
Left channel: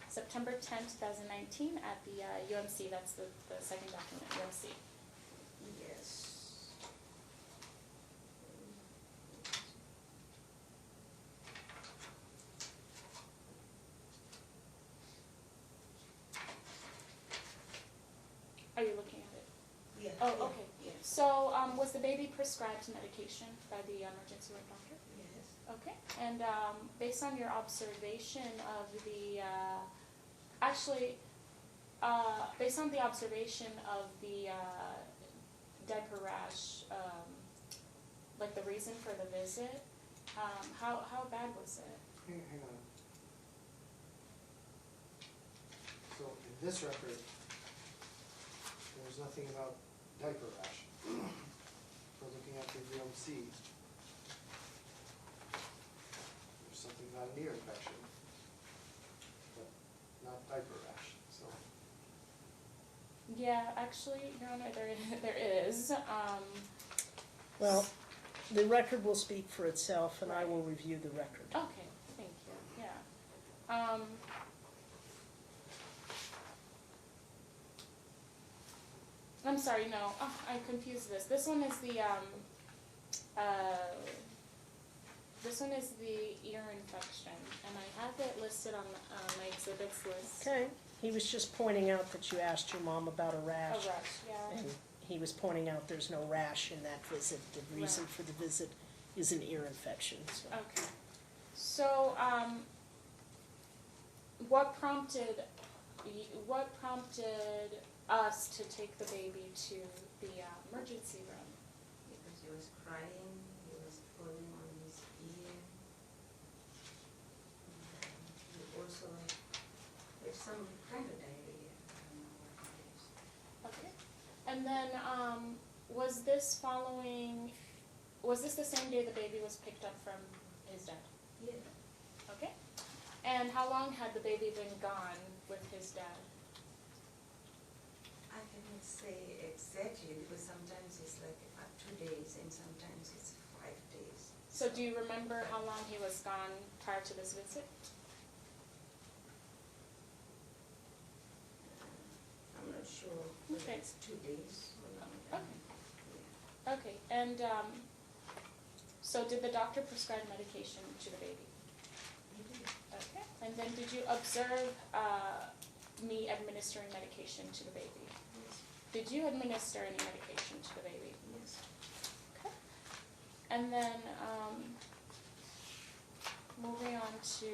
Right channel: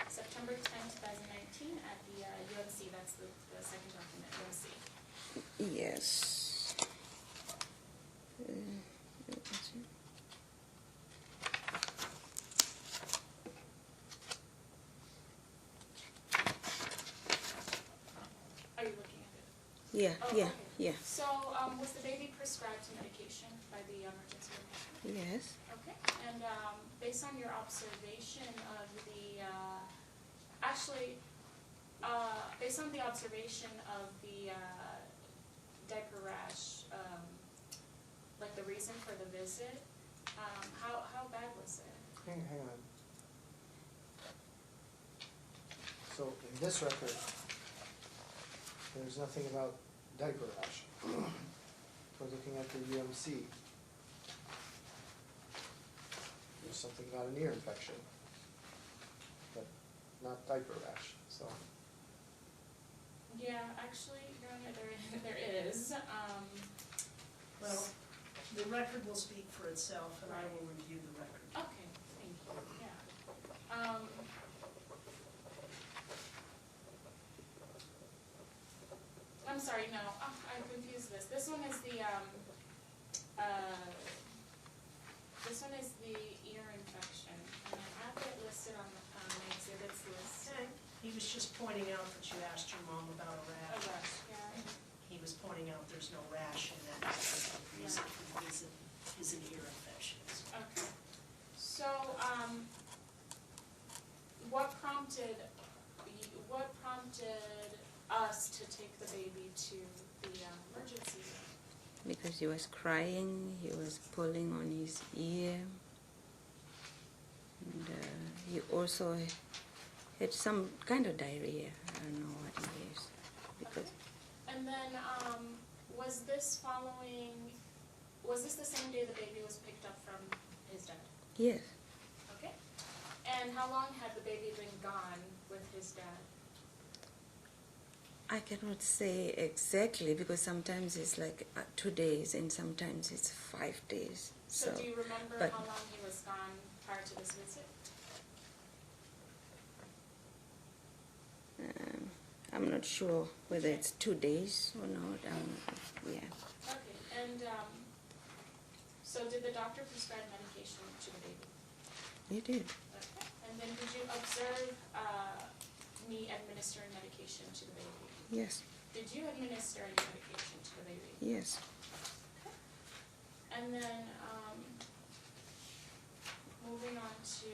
September 10, 2019 at the UMC? That's the second document, UMC. Yes. Are you looking at it? Yeah, Oh, yeah, okay. yeah. So was the baby prescribed medication by the emergency room doctor? Yes. Okay, and based on your observation of the, based on the observation of the diaper rash, like the reason for the visit, how bad was it? Hang on. So in this record, there's nothing about diaper rash. We're looking at the UMC. There's something about an ear infection, but not diaper rash, so. Yeah, actually, Your Honor, there is. Well, the record will speak for itself, and I will review the record. Okay, thank you, yeah. I'm sorry, no, I confused this. This one is the ear infection, and I have it listed on my exhibits list. Okay, he was just pointing out that you asked your mom about a A rash. rash, yeah. And he was pointing out there's no rash in that visit. The reason for the visit is an ear infection. So. Okay. So, what prompted us to take the baby to the emergency room? Because he was crying, he was pulling on his ear. And he also had some kind of diarrhea. I don't know what it is. Okay. And then, was this the same day the baby was picked up from his dad? Yes. Okay. And how long had the baby been gone with his dad? I cannot say exactly because sometimes it's like 2 days and sometimes it's 5 days. So do you remember but- how long he was gone prior to this visit? I'm not sure whether Okay. it's 2 days or not. Yeah. Okay, and So did the doctor prescribe medication to the baby? He did. Okay. And then did you observe me administering medication to the baby? Yes. Did you administer any medication to the baby? Yes. Okay. And then moving on to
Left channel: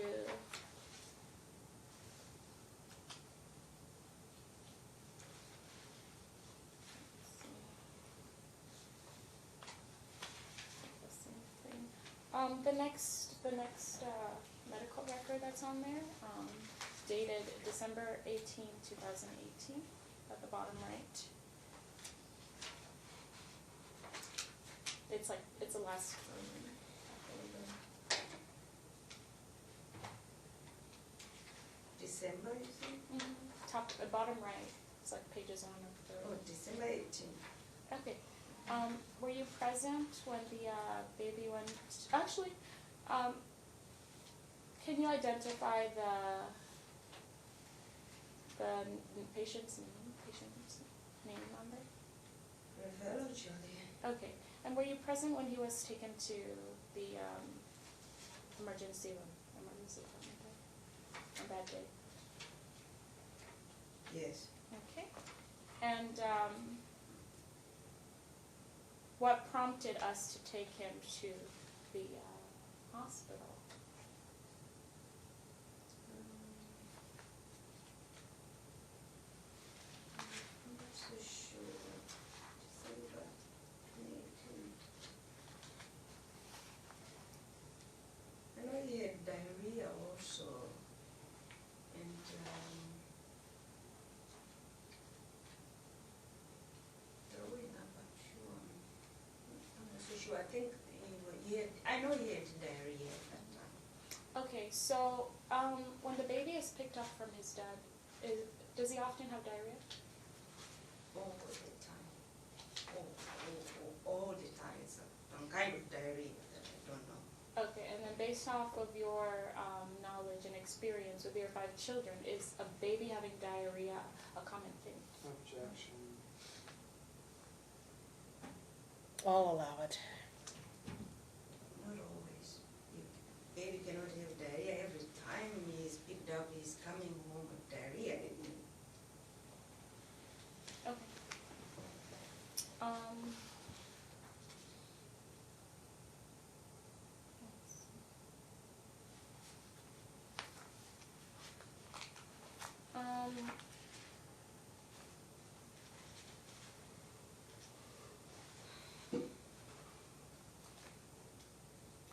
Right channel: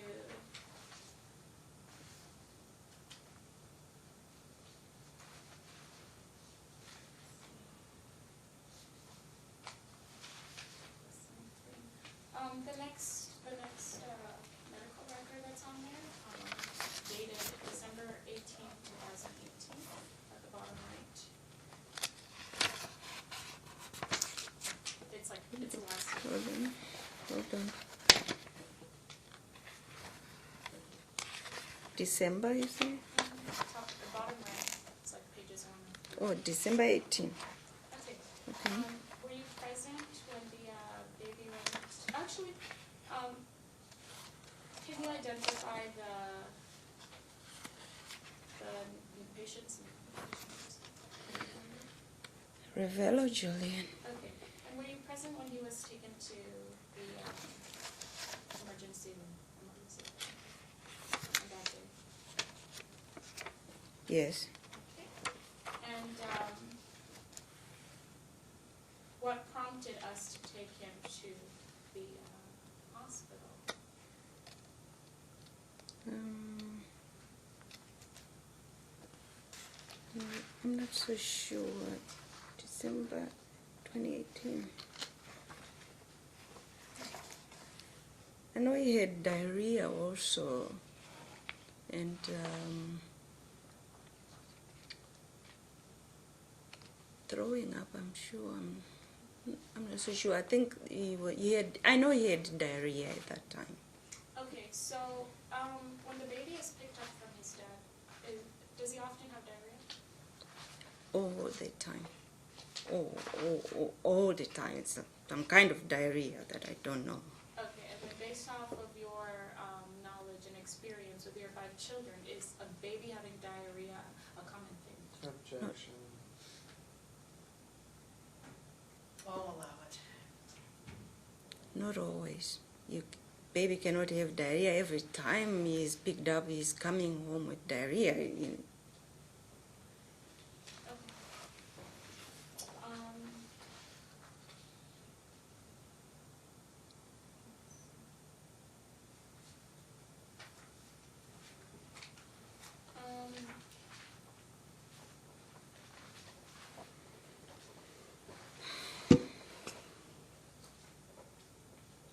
the next medical record that's on there, dated December 18, 2018, at the bottom right. It's a last. Hold on. Hold on. December, you say? Top, the bottom right, it's like pages on it. Oh, December 18. Okay. Okay. Were you present when the baby went? Actually, can you identify the patient's name number? Ravello Julian. Okay. And were you present when he was taken to the emergency room? Okay. On that day. Yes. Okay. And what prompted us to take him to the hospital? I'm not so sure. December 2018. I know he had diarrhea also, and throwing up. I'm sure. I'm not so sure. I think he had. I know he had diarrhea at that time. Okay, so when the baby is picked up from his dad, does he often have diarrhea? All the time. All the time. It's some kind of diarrhea that I don't know. Okay, and then based off of your knowledge and experience with your 5 children, is a baby having diarrhea a common thing? Objection. I'll allow it. Not always. Baby cannot have diarrhea every time he's picked up. He's coming home with diarrhea. Okay.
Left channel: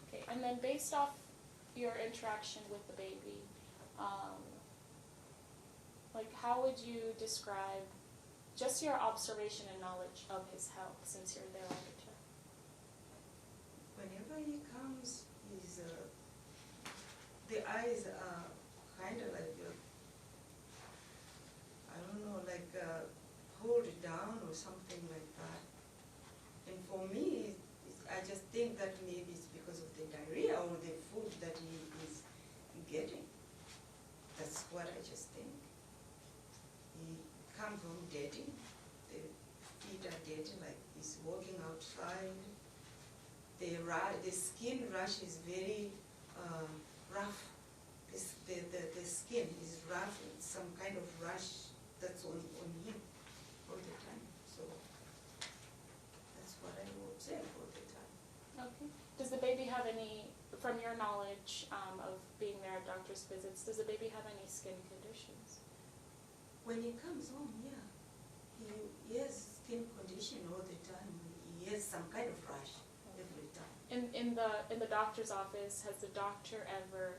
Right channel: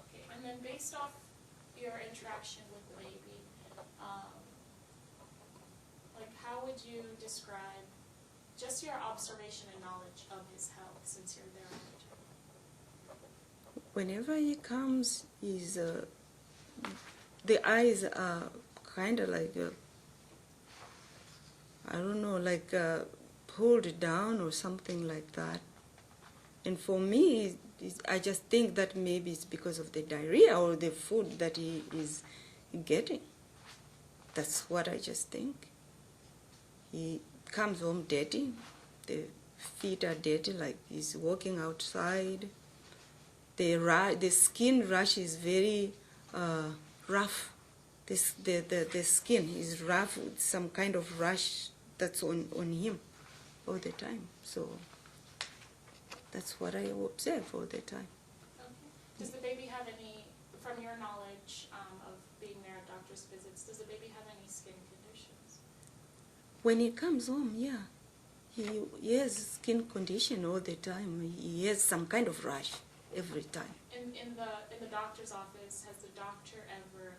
Okay, and then based off your interaction with the baby, like how would you describe just your observation and knowledge of his health since you're there all the time? Whenever he comes, the eyes are kind of like, I don't know, like pulled down or something like that. And for me, I just think that maybe it's because of the diarrhea or the food that he is getting. That's what I just think. He comes home dirty. The feet are dirty, like he's walking outside. The skin rash is very rough. The skin is rough with some kind of rash that's on him all the time. So that's what I observe all the time. Okay. Does the baby have any, from your knowledge of being there at doctor's visits, does the baby have any skin conditions? When he comes home, yeah, he has skin condition all the time. He has some kind of rash every time. In the doctor's office, has the doctor ever,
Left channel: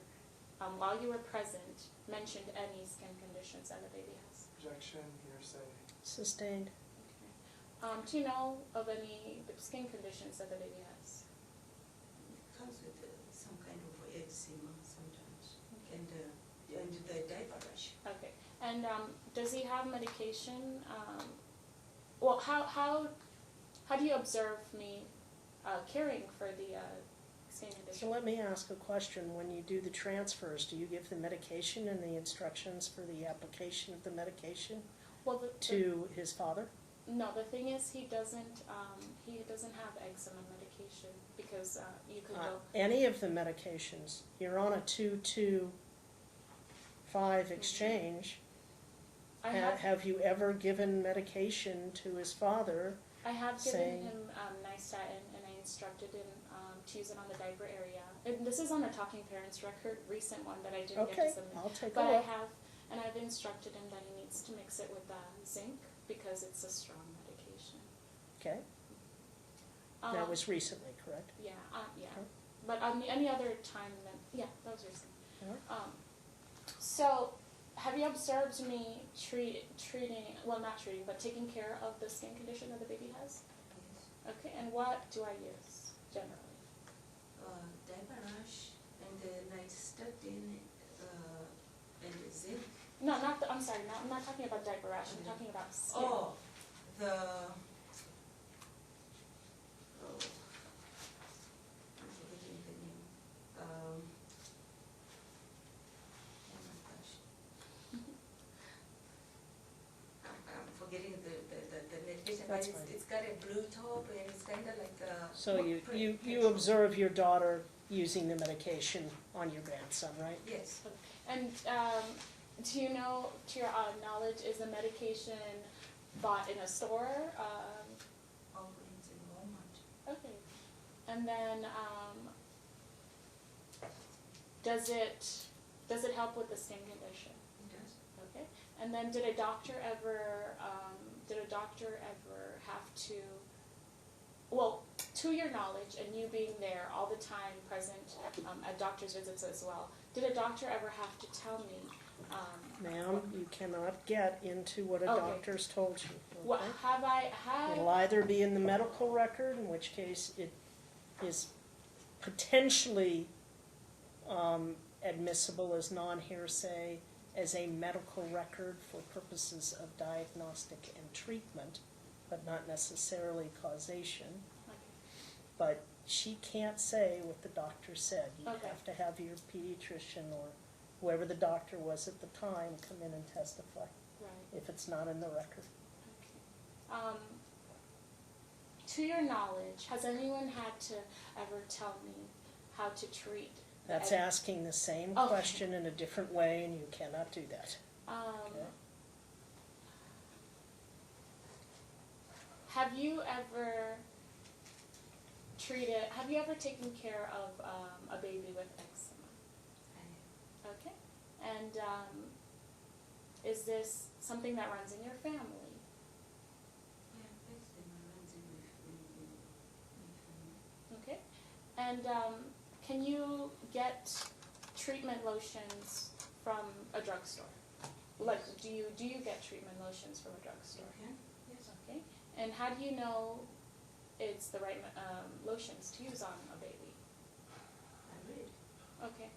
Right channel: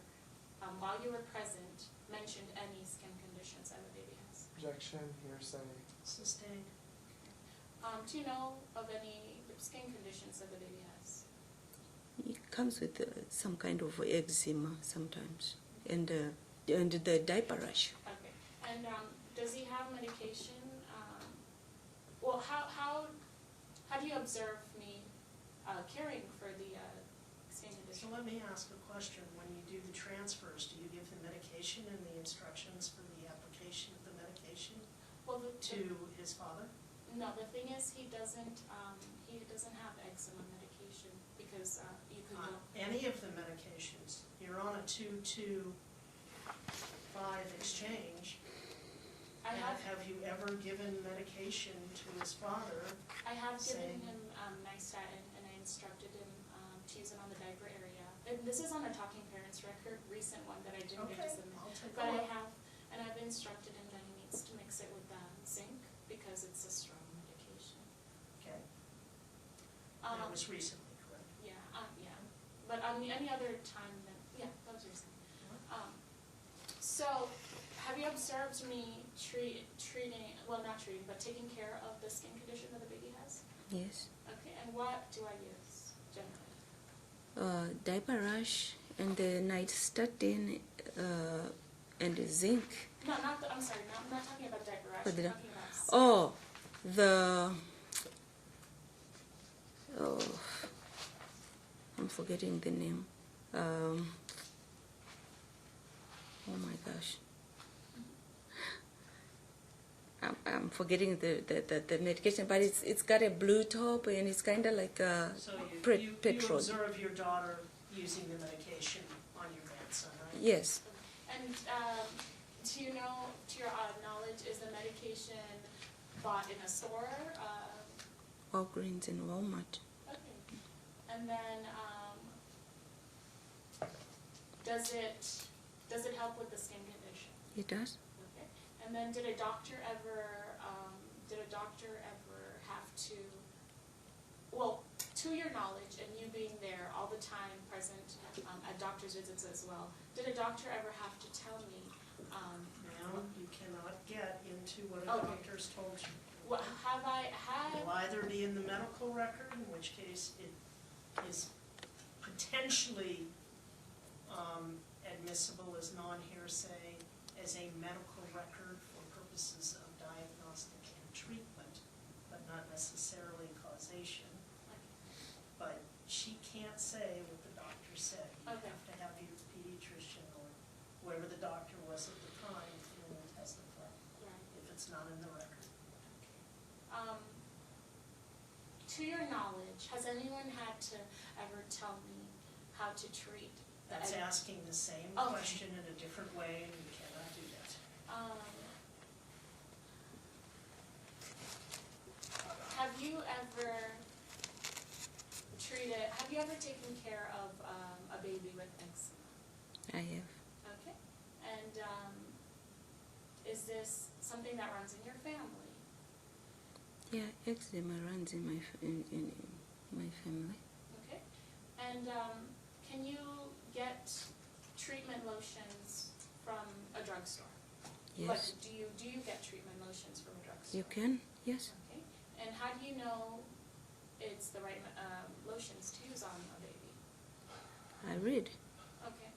while you were present, mentioned any skin conditions that the baby has? Objection, hearsay. Sustained. Do you know of any skin conditions that the baby has? He comes with some kind of eczema sometimes, and the diaper rash. Okay. And does he have medication? Well, how do you observe me caring for the skin condition? So let me ask a question. When you do the transfers, do you give the medication and the instructions for the application of the medication Well, to his father? No, the thing is, he doesn't have eczema medication because you could go. Any of the medications, you're on a 2-2-5 exchange. I have Have you ever given medication to his father? given saying- him nystatin, and I instructed him to use it on the diaper area. And this is on a Talking Parents record, recent one that I didn't get Okay, to submit. I'll take a But look. I've instructed him that he needs to mix it with zinc because it's a strong medication. Okay, Um, that was recently, correct? Yeah, yeah. Okay. But any other time, then, yeah, that was recent. Yeah. So, have you observed me treating, well, not treating, but taking care of the skin condition that the baby has? Yes. Okay, and what do I use generally? Diaper rash and the nystatin and the zinc. No, I'm sorry, I'm not talking about diaper rash, What I'm did I- talking about skin. Oh, I'm forgetting the name. Oh my gosh. I'm forgetting the medication, but it's got a blue top and it's kind of like a So you petrol. observe your daughter using the medication on your grandson, right? Yes. And do you know, to your knowledge, is the medication bought in a store? Walgreens and Walmart. Okay. And then, does it help with the skin condition? It does. Okay. And then, did a doctor ever have to, well, to your knowledge and you being there all the time, present at doctor's visits as well, did a doctor ever have to tell me? Ma'am, you cannot get into what a Okay. doctor's told you. What okay? have I had? It'll either be in the medical record, in which case it is potentially admissible as non-hearsay as a medical record for purposes of diagnostic and treatment, but not necessarily causation. But she can't say what the doctor said. You Okay. have to have your pediatrician or whoever the doctor was at the time come in and testify Right. if it's not in the record. Okay. To your knowledge, has anyone had to ever tell me how to treat? That's And- asking the same Okay. question in a different way, and you cannot do that. Have you ever taken care of a baby with eczema? I have. Okay. And is this something that runs in your family? Yeah, eczema runs in my my family. Okay. And can you get treatment lotions from a drugstore? Yes. Like, do you get treatment lotions from a drugstore? You can? Yes. Okay. And how do you know it's the right lotions to use on a baby? I read. Okay.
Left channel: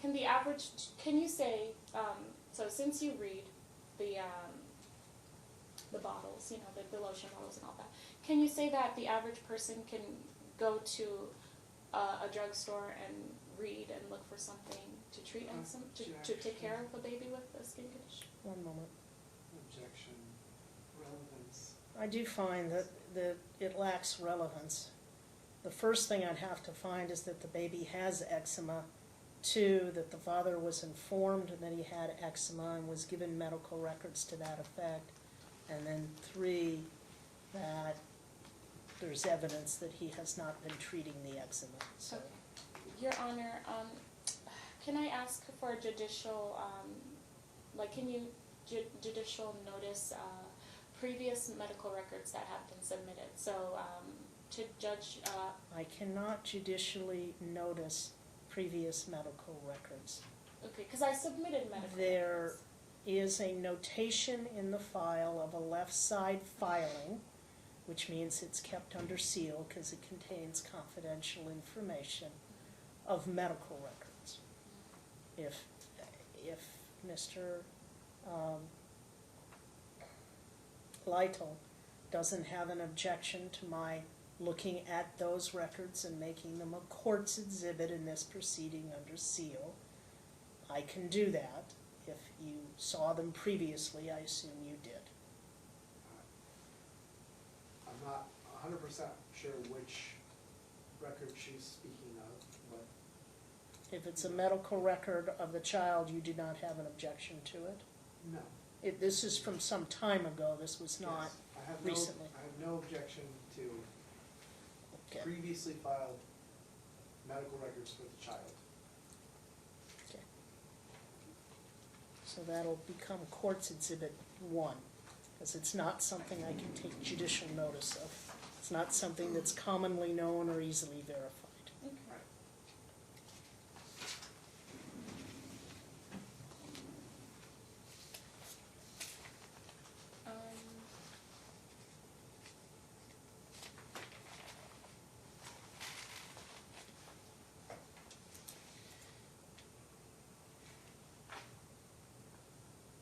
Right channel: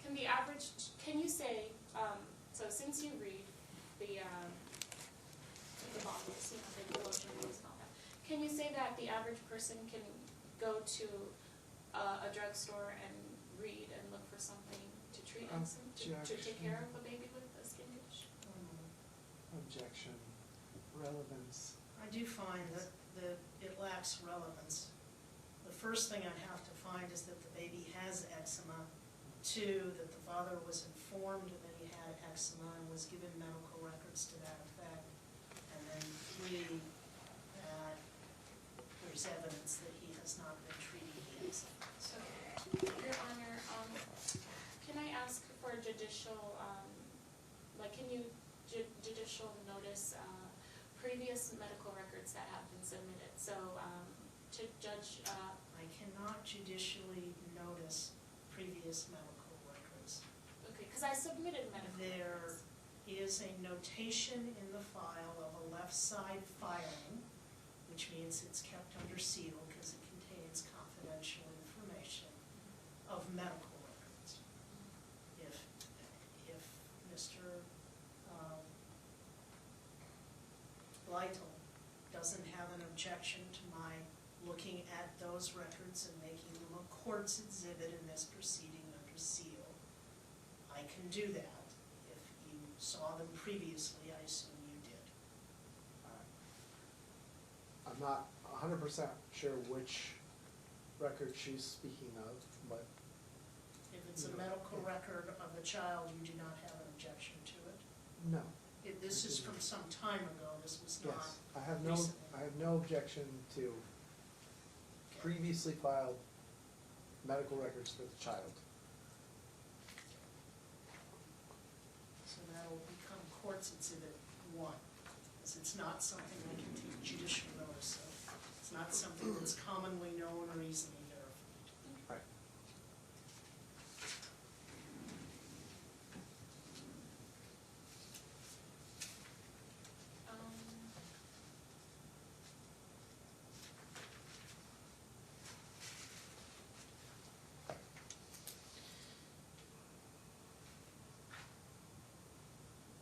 Can the average, can you say, so since you read the bottles, you know, the lotion bottles and all that, can you say that the average person can go to a drugstore and read and look for something to treat eczema, to take care of a baby with a skin condition? One moment. Objection, relevance. I do find that it lacks relevance. The first thing I'd have to find is that the baby has eczema. 2, that the father was informed that he had eczema and was given medical records to that effect. And then 3, that there's evidence that he has not been treating the eczema. So, Your Honor, can I ask for judicial, can you judicial notice previous medical records that have been submitted? So, to judge, I cannot judicially notice previous medical records. okay, because I submitted medical There records. is a notation in the file of a left side filing, which means it's kept under seal because it contains confidential information of medical records. If Mr. Lytle doesn't have an objection to my looking at those records and making them a court's exhibit in this proceeding under seal, I can do that. If you saw them previously, I assume you did. I'm not 100% sure which record she's speaking of, but If it's a medical record of the child, you do not have an objection to it? no. This is from some time ago, this was not Yes, I have recently. I have no objection to Okay. previously filed medical records for the child. Okay. So that'll become Court's Exhibit 1, because it's not something I can take judicial notice of. It's not something that's commonly known or easily verified. Right. Um,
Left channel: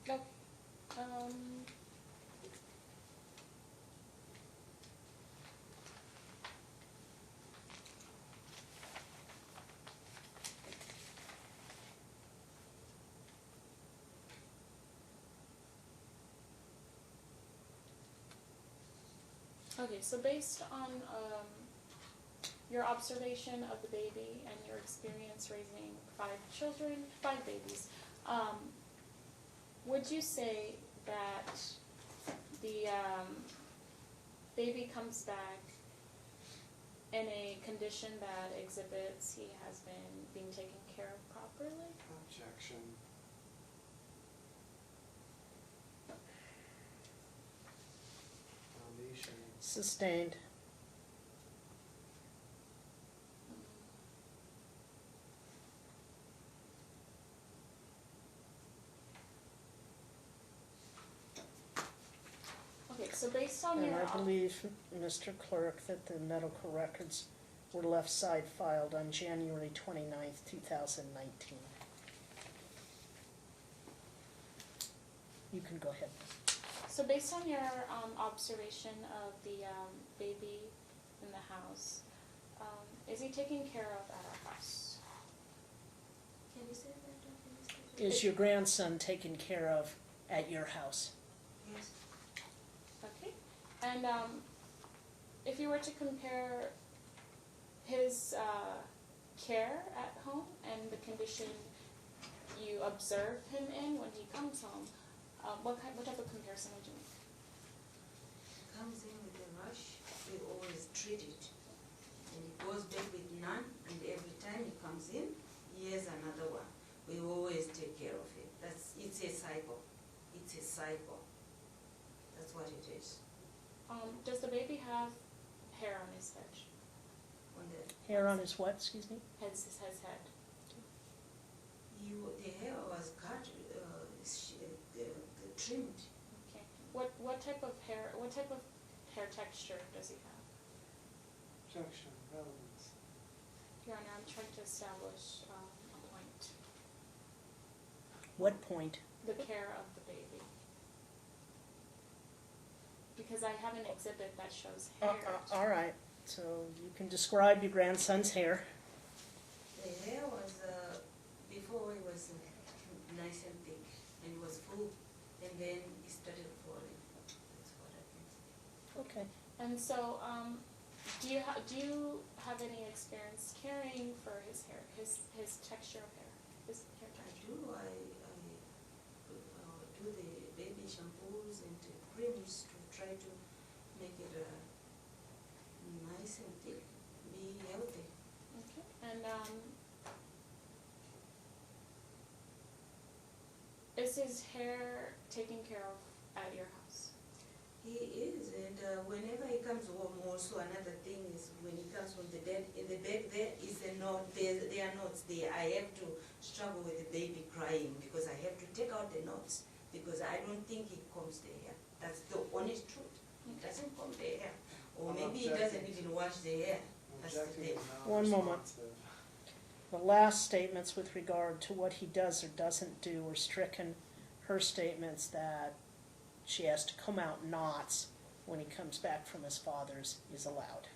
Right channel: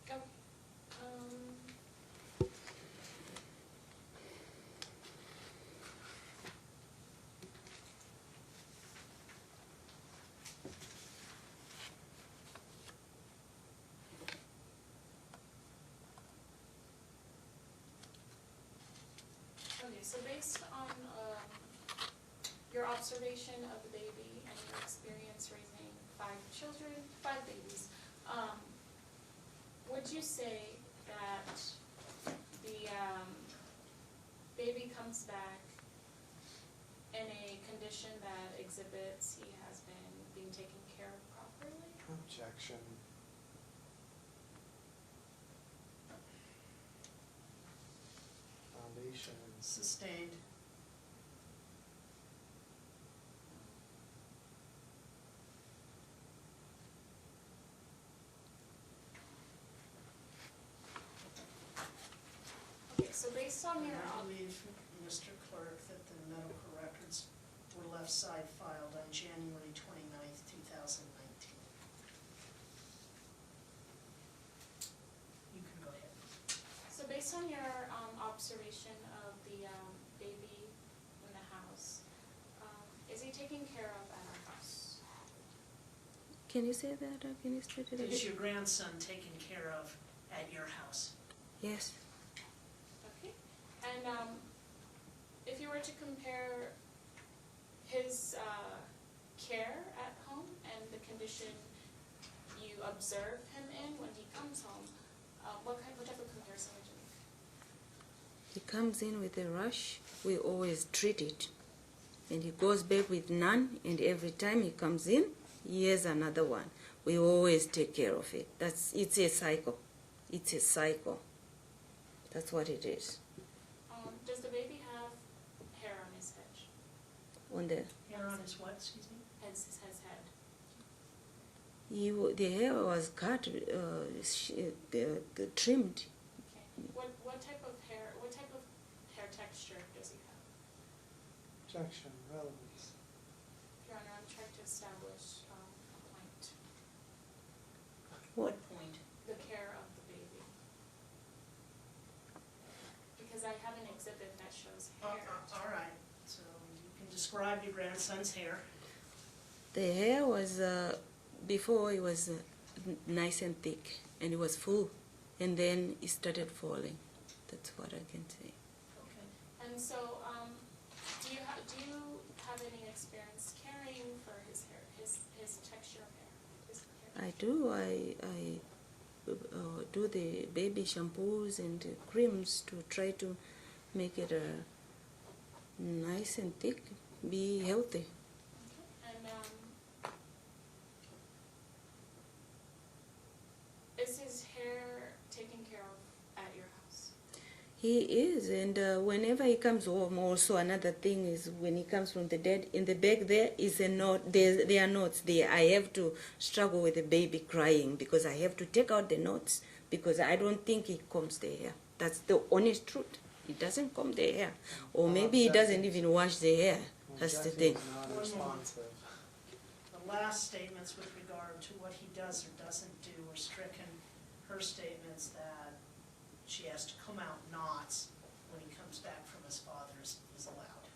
okay. Okay, so based on your observation of the baby and your experience raising 5 babies, would you say that the baby comes back in a condition that exhibits he has been being taken care of properly? Objection. Foundation. Sustained. Okay, so based on And your I believe, Mr. Clerk, that the medical records were left side filed on January 29th, 2019. You can go ahead. So based on your observation of the baby in the house, is he taken care of at our house? Can you say that, or can you state it? Is your grandson taken care of at your house? Yes. Okay. And if you were to compare his care at home and the condition you observe him in when he comes home, what type of comparison would you make? He comes in with a rash, we always treat it. And he goes back with none, and every time he comes in, he has another one. We always take care of it. It's a cycle. It's a cycle. That's what it is. Does the baby have hair on his head? On the Hair on his what, excuse me? His head. the hair was cut, trimmed. Okay. What type of hair texture does he have? Objection. Relevance. Your Honor, I'm trying to establish a point. What point? The care of the baby. Because I have an exhibit that shows hair. All right, so you can describe your grandson's hair. The hair was, before it was nice and thick, and it was full, and then it started falling. That's what I can say. Okay. And so, do you have any experience caring for his hair, his texture of hair, his hair? I do. I do the baby shampoos and creams to try to make it nice and thick, be healthy. Okay. And is his hair taken care of at your house? He is, and whenever he comes home, also another thing is when he comes from the dead, in the back there is a knot, there are knots there. I have to struggle with the baby crying because I have to take out the knots because I don't think he combs the hair. That's the honest truth. He doesn't comb the hair. Or maybe he doesn't even wash the hair. That's the Objection thing. is not One moment. responsive. The last statements with regard to what he does or doesn't do were stricken. Her statements that she has to comb out knots when he comes back from his father's is allowed.